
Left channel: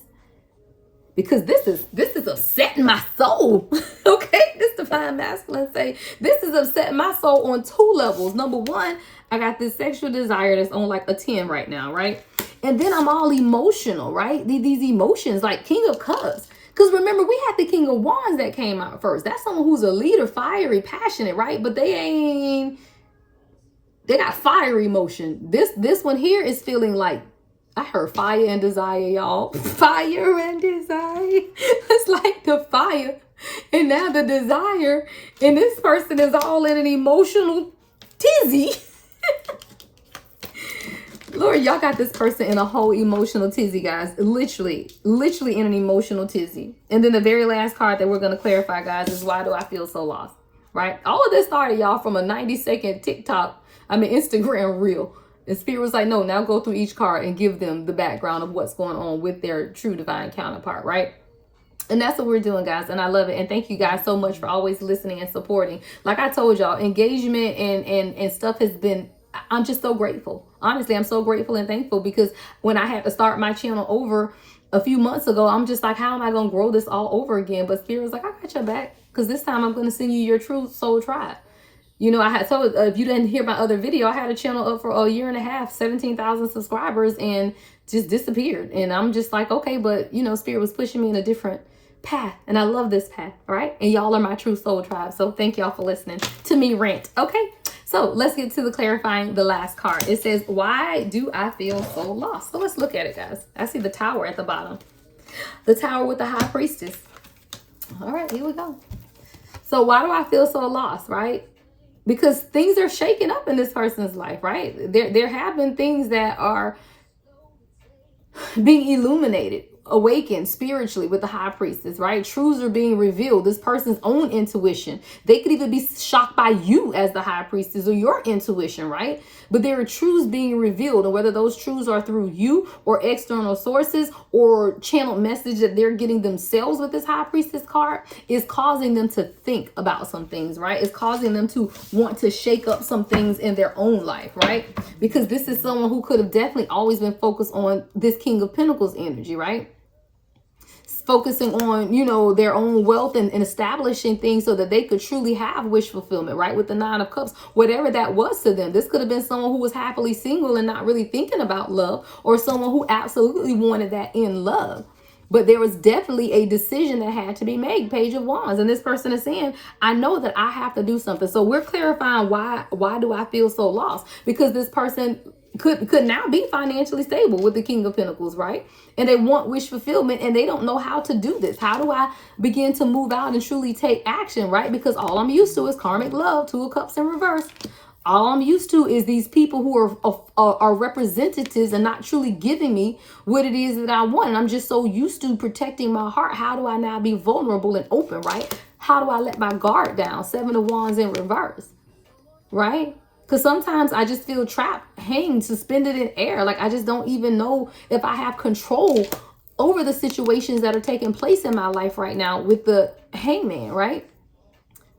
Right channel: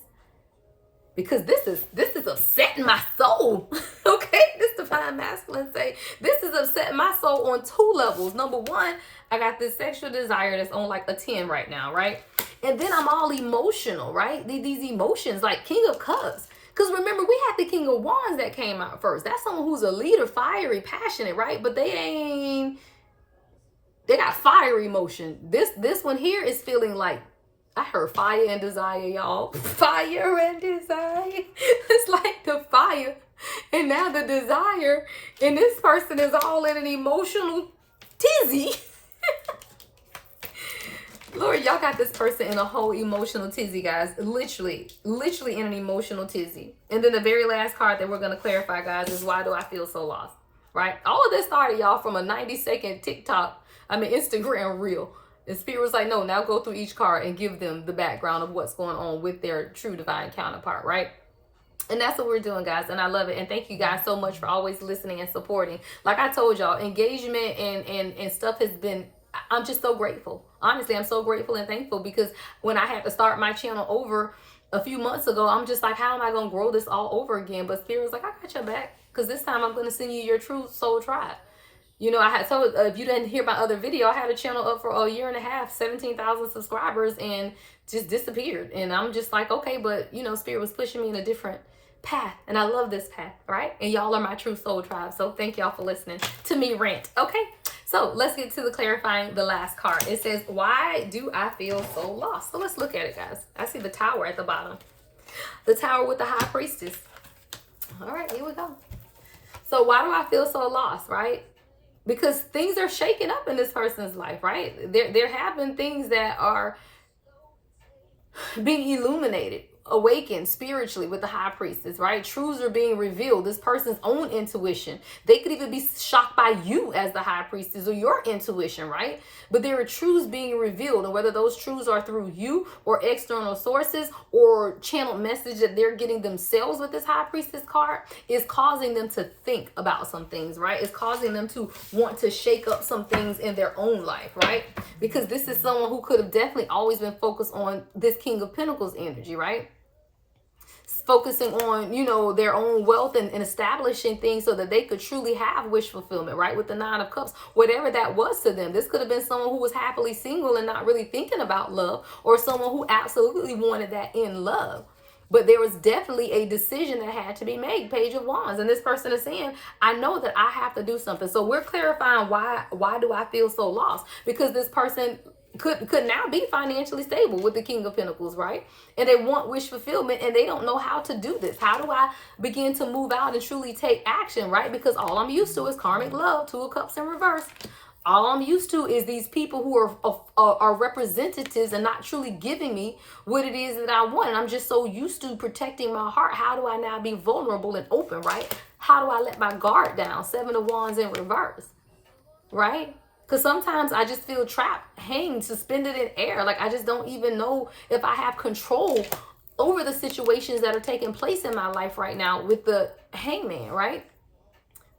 Because this is upsetting my soul. Okay, this Divine Masculine say, this is upsetting my soul on 2 levels. Number 1, I got this sexual desire that's on like a 10 right now, right? And then I'm all emotional, right? These emotions, like King of Cups. Because remember, we had the King of Wands that came out first. That's someone who's a leader, fiery, passionate, right? But they got fiery emotion. This one here is feeling like, I heard fire and desire, y'all. Fire and desire. It's like the fire and now the desire. And this person is all in an emotional tizzy. Lord, y'all got this person in a whole emotional tizzy, guys. Literally in an emotional tizzy. And then the very last card that we're going to clarify, guys, is why do I feel so lost? Right? All of this started, y'all, from a 90-second Instagram reel. And Spirit was like, no, now go through each card and give them the background of what's going on with their true divine counterpart, right? And that's what we're doing, guys. And I love it. And thank you guys so much for always listening and supporting. Like I told y'all, engagement and stuff has been, I'm just so grateful. Honestly, I'm so grateful and thankful, because when I had to start my channel over, a few months ago, I'm just like, how am I going to grow this all over again? But Spirit was like, I got your back, because this time I'm going to send you your true soul tribe. You know, I had told, if you didn't hear my other video, I had a channel up for a year and a half, 17,000 subscribers, and just disappeared. And I'm just like, okay, but you know, Spirit was pushing me in a different path, and I love this path, all right? And y'all are my true soul tribe, so thank y'all for listening to me rant, okay? So let's get to the clarifying, the last card. It says, why do I feel so lost? So let's look at it, guys. I see the Tower at the bottom. The Tower with the High Priestess. All right, here we go. So why do I feel so lost, right? Because things are shaking up in this person's life, right? There have been things that are being illuminated, awakened spiritually with the High Priestess, right? Truths are being revealed. This person's own intuition. They could even be shocked by you as the High Priestess or your intuition, right? But there are truths being revealed, and whether those truths are through you or external sources or channeled message that they're getting themselves with this High Priestess card, is causing them to think about some things, right? It's causing them to want to shake up some things in their own life, right? Because this is someone who could have definitely always been focused on this King of Pentacles energy, right? Focusing on, you know, their own wealth and establishing things so that they could truly have wish fulfillment, right? With the Nine of Cups, whatever that was to them. This could have been someone who was happily single and not really thinking about love, or someone who absolutely wanted that in love. But there was definitely a decision that had to be made, Page of Wands. And this person is saying, I know that I have to do something. So we're clarifying why do I feel so lost? Because this person could now be financially stable with the King of Pentacles, right? And they want wish fulfillment, and they don't know how to do this. How do I begin to move out and truly take action, right? Because all I'm used to is karmic love, Two of Cups in reverse. All I'm used to is these people who are representatives and not truly giving me what it is that I want. And I'm just so used to protecting my heart. How do I now be vulnerable and open, right? How do I let my guard down? Seven of Wands in reverse, right? Because sometimes I just feel trapped, hanging, suspended in air. Like I just don't even know if I have control over the situations that are taking place in my life right now with the Hangman, right?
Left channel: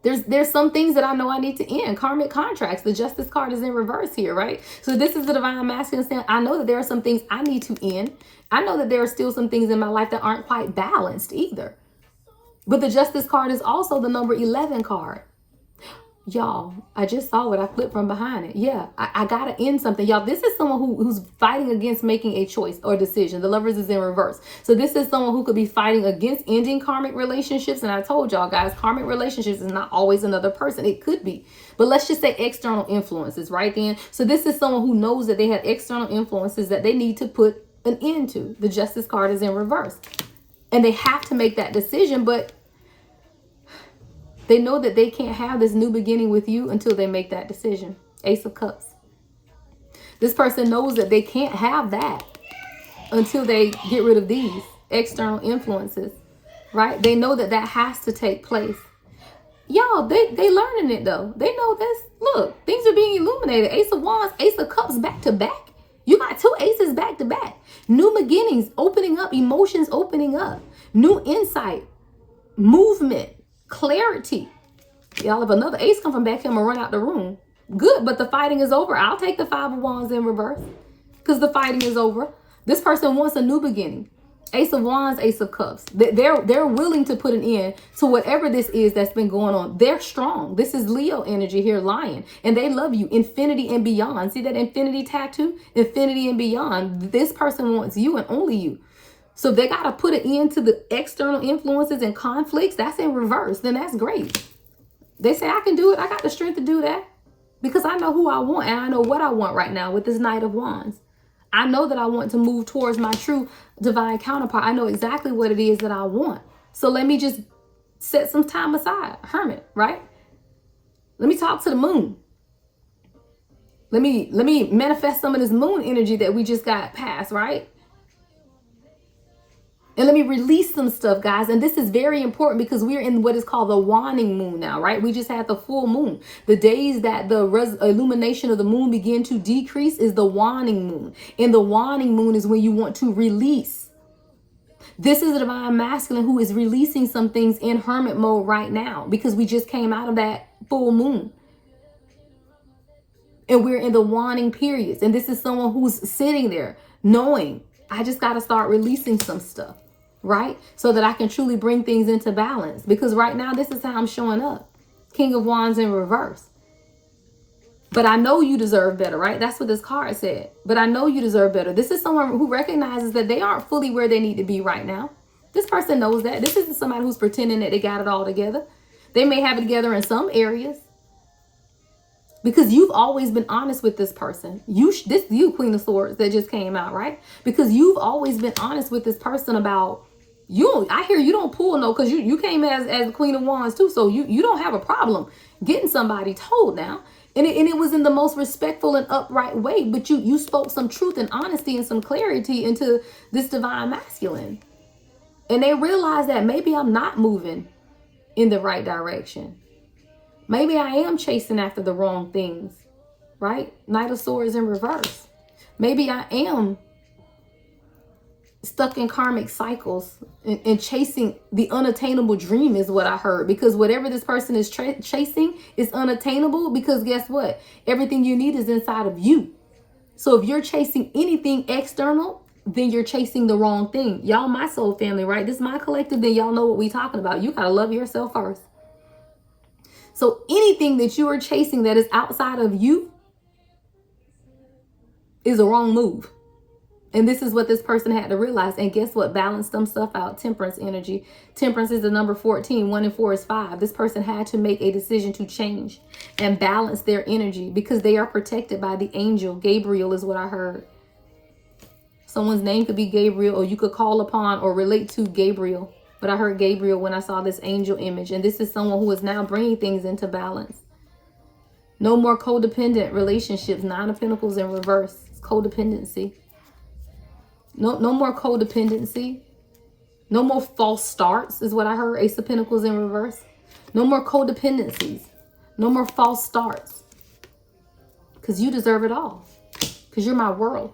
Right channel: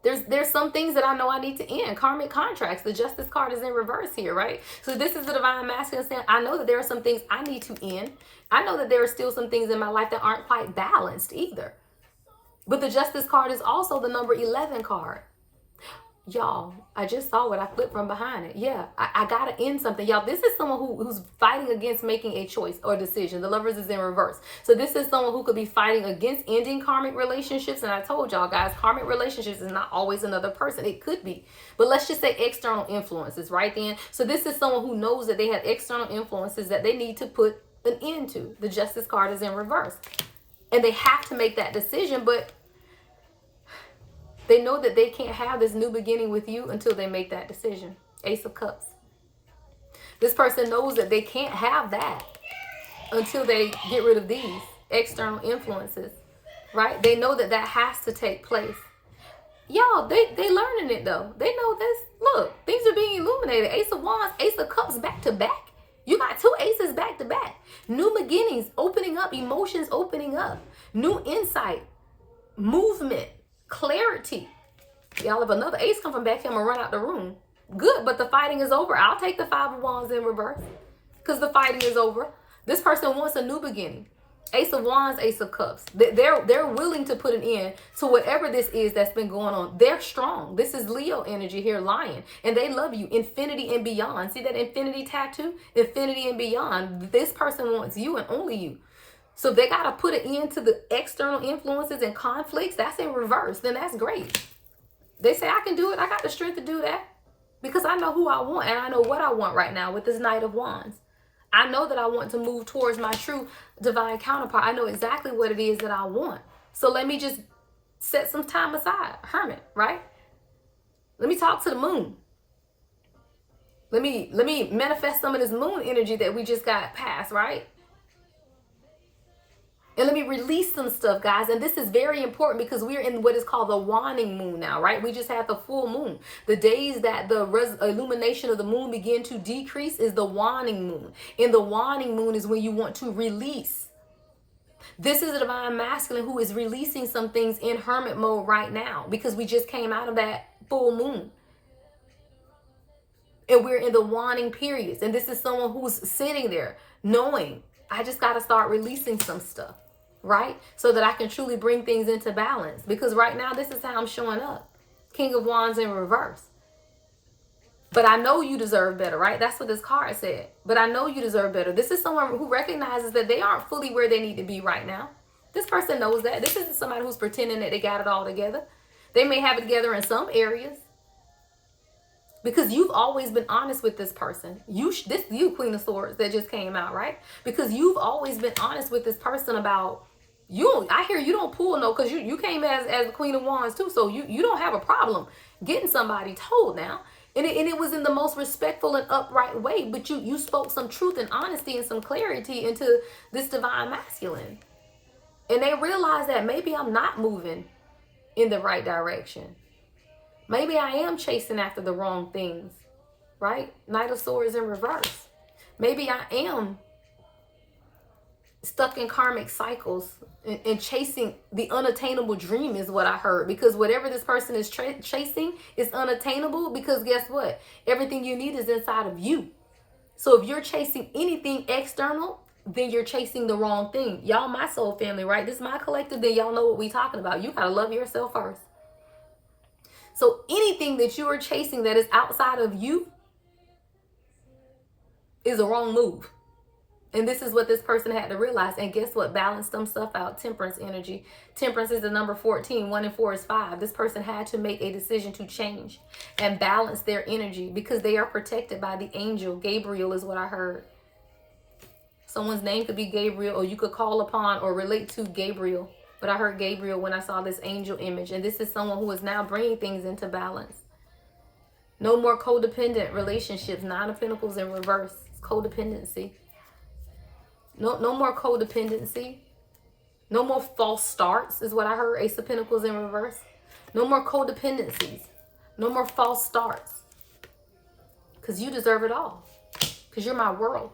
There's some things that I know I need to end. Karmic contracts. The Justice card is in reverse here, right? So this is the Divine Masculine saying, I know that there are some things I need to end. I know that there are still some things in my life that aren't quite balanced either. But the Justice card is also the number 11 card. Y'all, I just saw it. I flipped from behind it. Yeah, I gotta end something. Y'all, this is someone who's fighting against making a choice or decision. The Lovers is in reverse. So this is someone who could be fighting against ending karmic relationships. And I told y'all guys, karmic relationships is not always another person. It could be. But let's just say external influences, right then. So this is someone who knows that they have external influences that they need to put an end to. The Justice card is in reverse. And they have to make that decision, but they know that they can't have this new beginning with you until they make that decision. Ace of Cups. This person knows that they can't have that until they get rid of these external influences, right? They know that that has to take place. Y'all, they learning it though. They know this. Look, things are being illuminated. Ace of Wands, Ace of Cups back to back. You got two aces back to back. New beginnings opening up, emotions opening up, new insight, movement, clarity. Y'all, if another ace come from back here, I'm gonna run out the room. Good, but the fighting is over. I'll take the Five of Wands in reverse because the fighting is over. This person wants a new beginning. Ace of Wands, Ace of Cups. They're willing to put an end to whatever this is that's been going on. They're strong. This is Leo energy here, Lion. And they love you. Infinity and beyond. See that infinity tattoo? Infinity and beyond. This person wants you and only you. So if they got to put an end to the external influences and conflicts, that's in reverse. Then that's great. They say, I can do it. I got the strength to do that because I know who I want and I know what I want right now with this Knight of Wands. I know that I want to move towards my true divine counterpart. I know exactly what it is that I want. So let me just set some time aside. Hermit, right? Let me talk to the moon. Let me manifest some of this moon energy that we just got past, right? And let me release some stuff, guys. And this is very important because we're in what is called the waning moon now, right? We just had the full moon. The days that the illumination of the moon begin to decrease is the waning moon. And the waning moon is when you want to release. This is the Divine Masculine who is releasing some things in hermit mode right now because we just came out of that full moon. And we're in the waning periods. And this is someone who's sitting there knowing, I just got to start releasing some stuff, right? So that I can truly bring things into balance. Because right now, this is how I'm showing up. King of Wands in reverse. But I know you deserve better, right? That's what this card said. But I know you deserve better. This is someone who recognizes that they aren't fully where they need to be right now. This person knows that. This isn't somebody who's pretending that they got it all together. They may have it together in some areas. Because you've always been honest with this person. You, Queen of Swords, that just came out, right? Because you've always been honest with this person about you. I hear you don't pull no, because you came as the Queen of Wands too. So you don't have a problem getting somebody told now. And it was in the most respectful and upright way. But you spoke some truth and honesty and some clarity into this divine masculine. And they realized that maybe I'm not moving in the right direction. Maybe I am chasing after the wrong things, right? Knight of Swords in reverse. Maybe I am stuck in karmic cycles and chasing the unattainable dream is what I heard. Because whatever this person is chasing is unattainable, because guess what? Everything you need is inside of you. So if you're chasing anything external, then you're chasing the wrong thing. Y'all, my soul family, right? This is my collective, then y'all know what we talking about. You gotta love yourself first. So anything that you are chasing that is outside of you is a wrong move. And this is what this person had to realize. And guess what? Balance them stuff out. Temperance energy. Temperance is the number 14. 1 and 4 is 5. This person had to make a decision to change and balance their energy because they are protected by the angel. Gabriel is what I heard. Someone's name could be Gabriel, or you could call upon or relate to Gabriel. But I heard Gabriel when I saw this angel image. And this is someone who is now bringing things into balance. No more codependent relationships. 9 of Pentacles in reverse. It's codependency. No more codependency. No more false starts is what I heard. Ace of Pentacles in reverse. No more codependencies. No more false starts. Because you deserve it all. Because you're my world.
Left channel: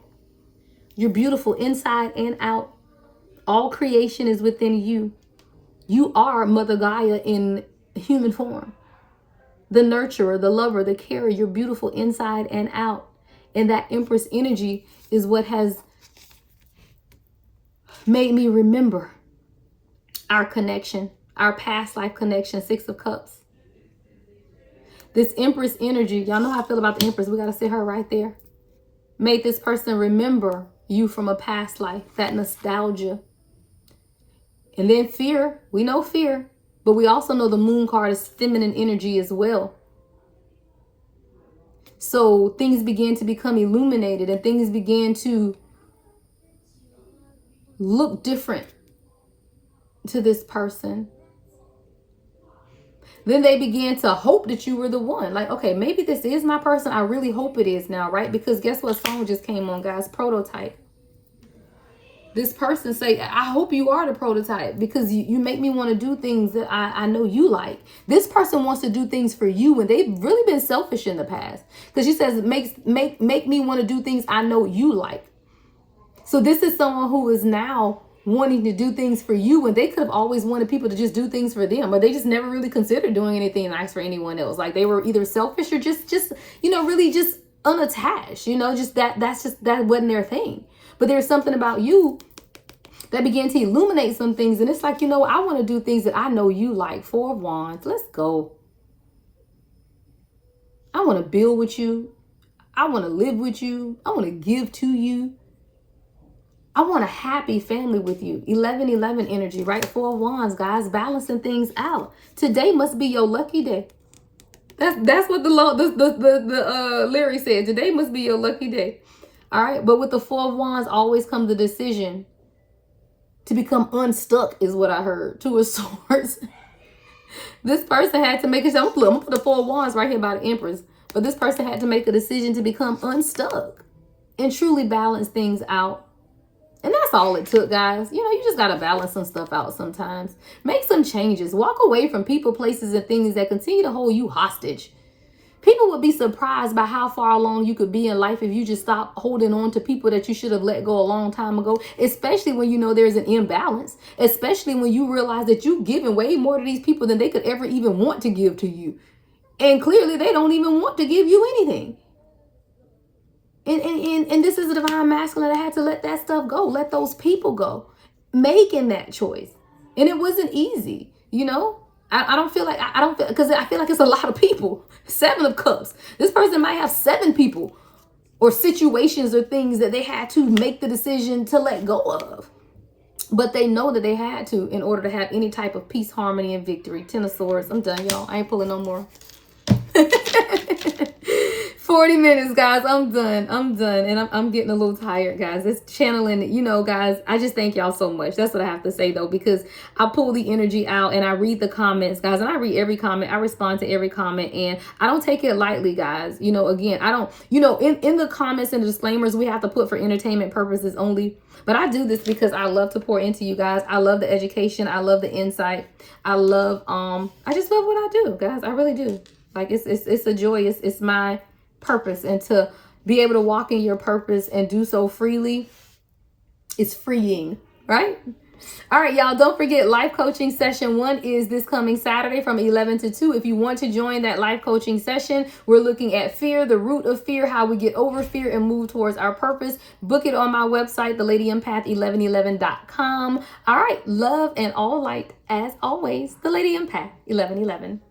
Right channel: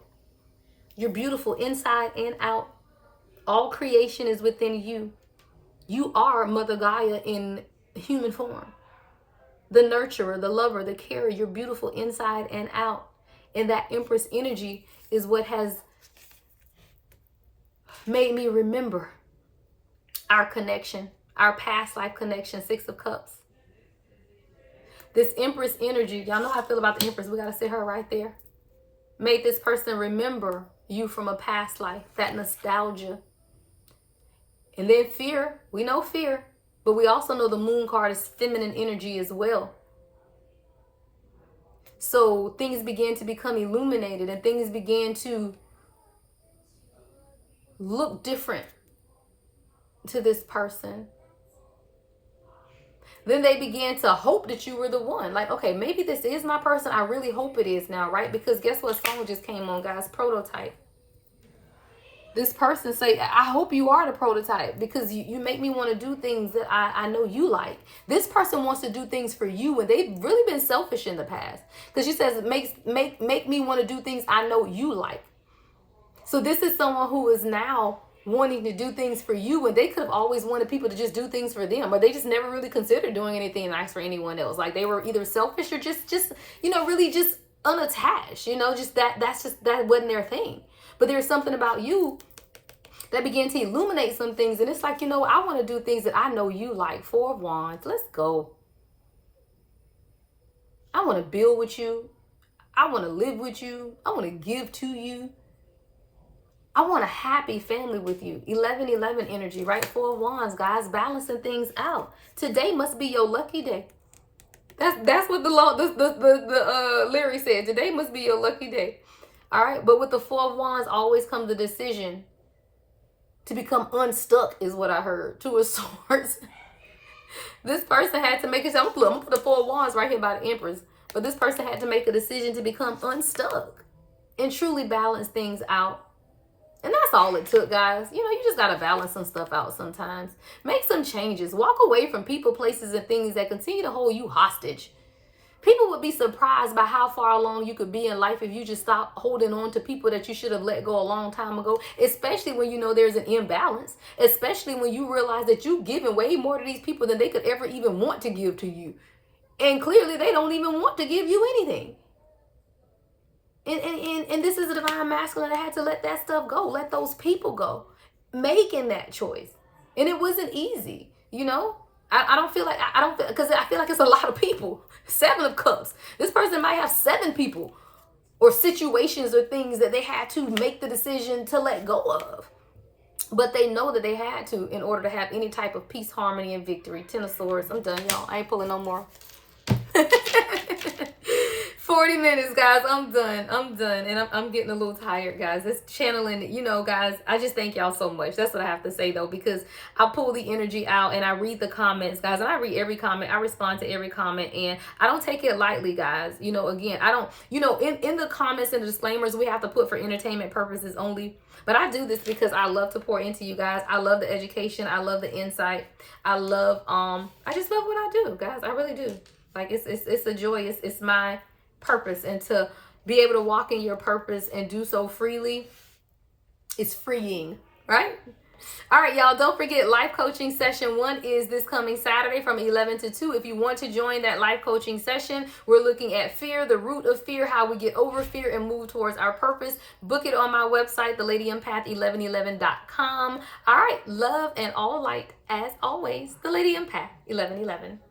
You're beautiful inside and out. All creation is within you. You are Mother Gaia in human form. The nurturer, the lover, the carer. You're beautiful inside and out. And that Empress energy is what has made me remember our connection, our past life connection. 6 of Cups. This Empress energy, y'all know how I feel about the Empress. We got to sit her right there. Made this person remember you from a past life, that nostalgia. And then fear, we know fear, but we also know the Moon card is feminine energy as well. So things began to become illuminated and things began to look different to this person. Then they began to hope that you were the one. Like, okay, maybe this is my person. I really hope it is now, right? Because guess what song just came on, guys? Prototype. This person say, I hope you are the prototype because you make me want to do things that I know you like. This person wants to do things for you and they've really been selfish in the past. Because she says, make me want to do things I know you like. So this is someone who is now wanting to do things for you when they could have always wanted people to just do things for them, but they just never really considered doing anything nice for anyone else. Like they were either selfish or just really just unattached, that wasn't their thing. But there's something about you that began to illuminate some things. And it's like, I want to do things that I know you like. 4 of Wands. Let's go. I want to build with you. I want to live with you. I want to give to you. I want a happy family with you. 11-11 energy, right? 4 of Wands, guys, balancing things out. Today must be your lucky day. That's what the lyric said. Today must be your lucky day. All right, but with the 4 of Wands always comes the decision to become unstuck, is what I heard. 2 of Swords. This person had to make it. I'm gonna put the 4 of Wands right here by the Empress. But this person had to make a decision to become unstuck and truly balance things out. And that's all it took, guys. You just got to balance some stuff out sometimes. Make some changes. Walk away from people, places, and things that continue to hold you hostage. People would be surprised by how far along you could be in life if you just stop holding on to people that you should have let go a long time ago, especially when there's an imbalance, especially when you realize that you've given way more to these people than they could ever even want to give to you. And clearly they don't even want to give you anything. And this is a divine masculine that had to let that stuff go, let those people go, making that choice. And it wasn't easy, you know. I don't feel like, I don't feel, because I feel like it's a lot of people. 7 of Cups. This person might have 7 people or situations or things that they had to make the decision to let go of. But they know that they had to in order to have any type of peace, harmony, and victory. 10 of Swords. I'm done, y'all. I ain't pulling no more. 40 minutes, guys. I'm done. And I'm getting a little tired, guys. It's channeling, you know, guys. I just thank y'all so much. That's what I have to say, though, because I pull the energy out and I read the comments, guys. And I read every comment. I respond to every comment. And I don't take it lightly, guys. You know, again, I don't, you know, in the comments and the disclaimers, we have to put for entertainment purposes only. But I do this because I love to pour into you guys. I love the education. I love the insight. I love, I just love what I do, guys. I really do. Like, it's a joy. It's my purpose, and to be able to walk in your purpose and do so freely is freeing, right? All right, y'all, don't forget life coaching session 1 is this coming Saturday from 11 to 2. If you want to join that life coaching session, we're looking at fear, the root of fear, how we get over fear and move towards our purpose. Book it on my website, thelady1111.com. All right, love and all light as always, the Lady Empath 1111.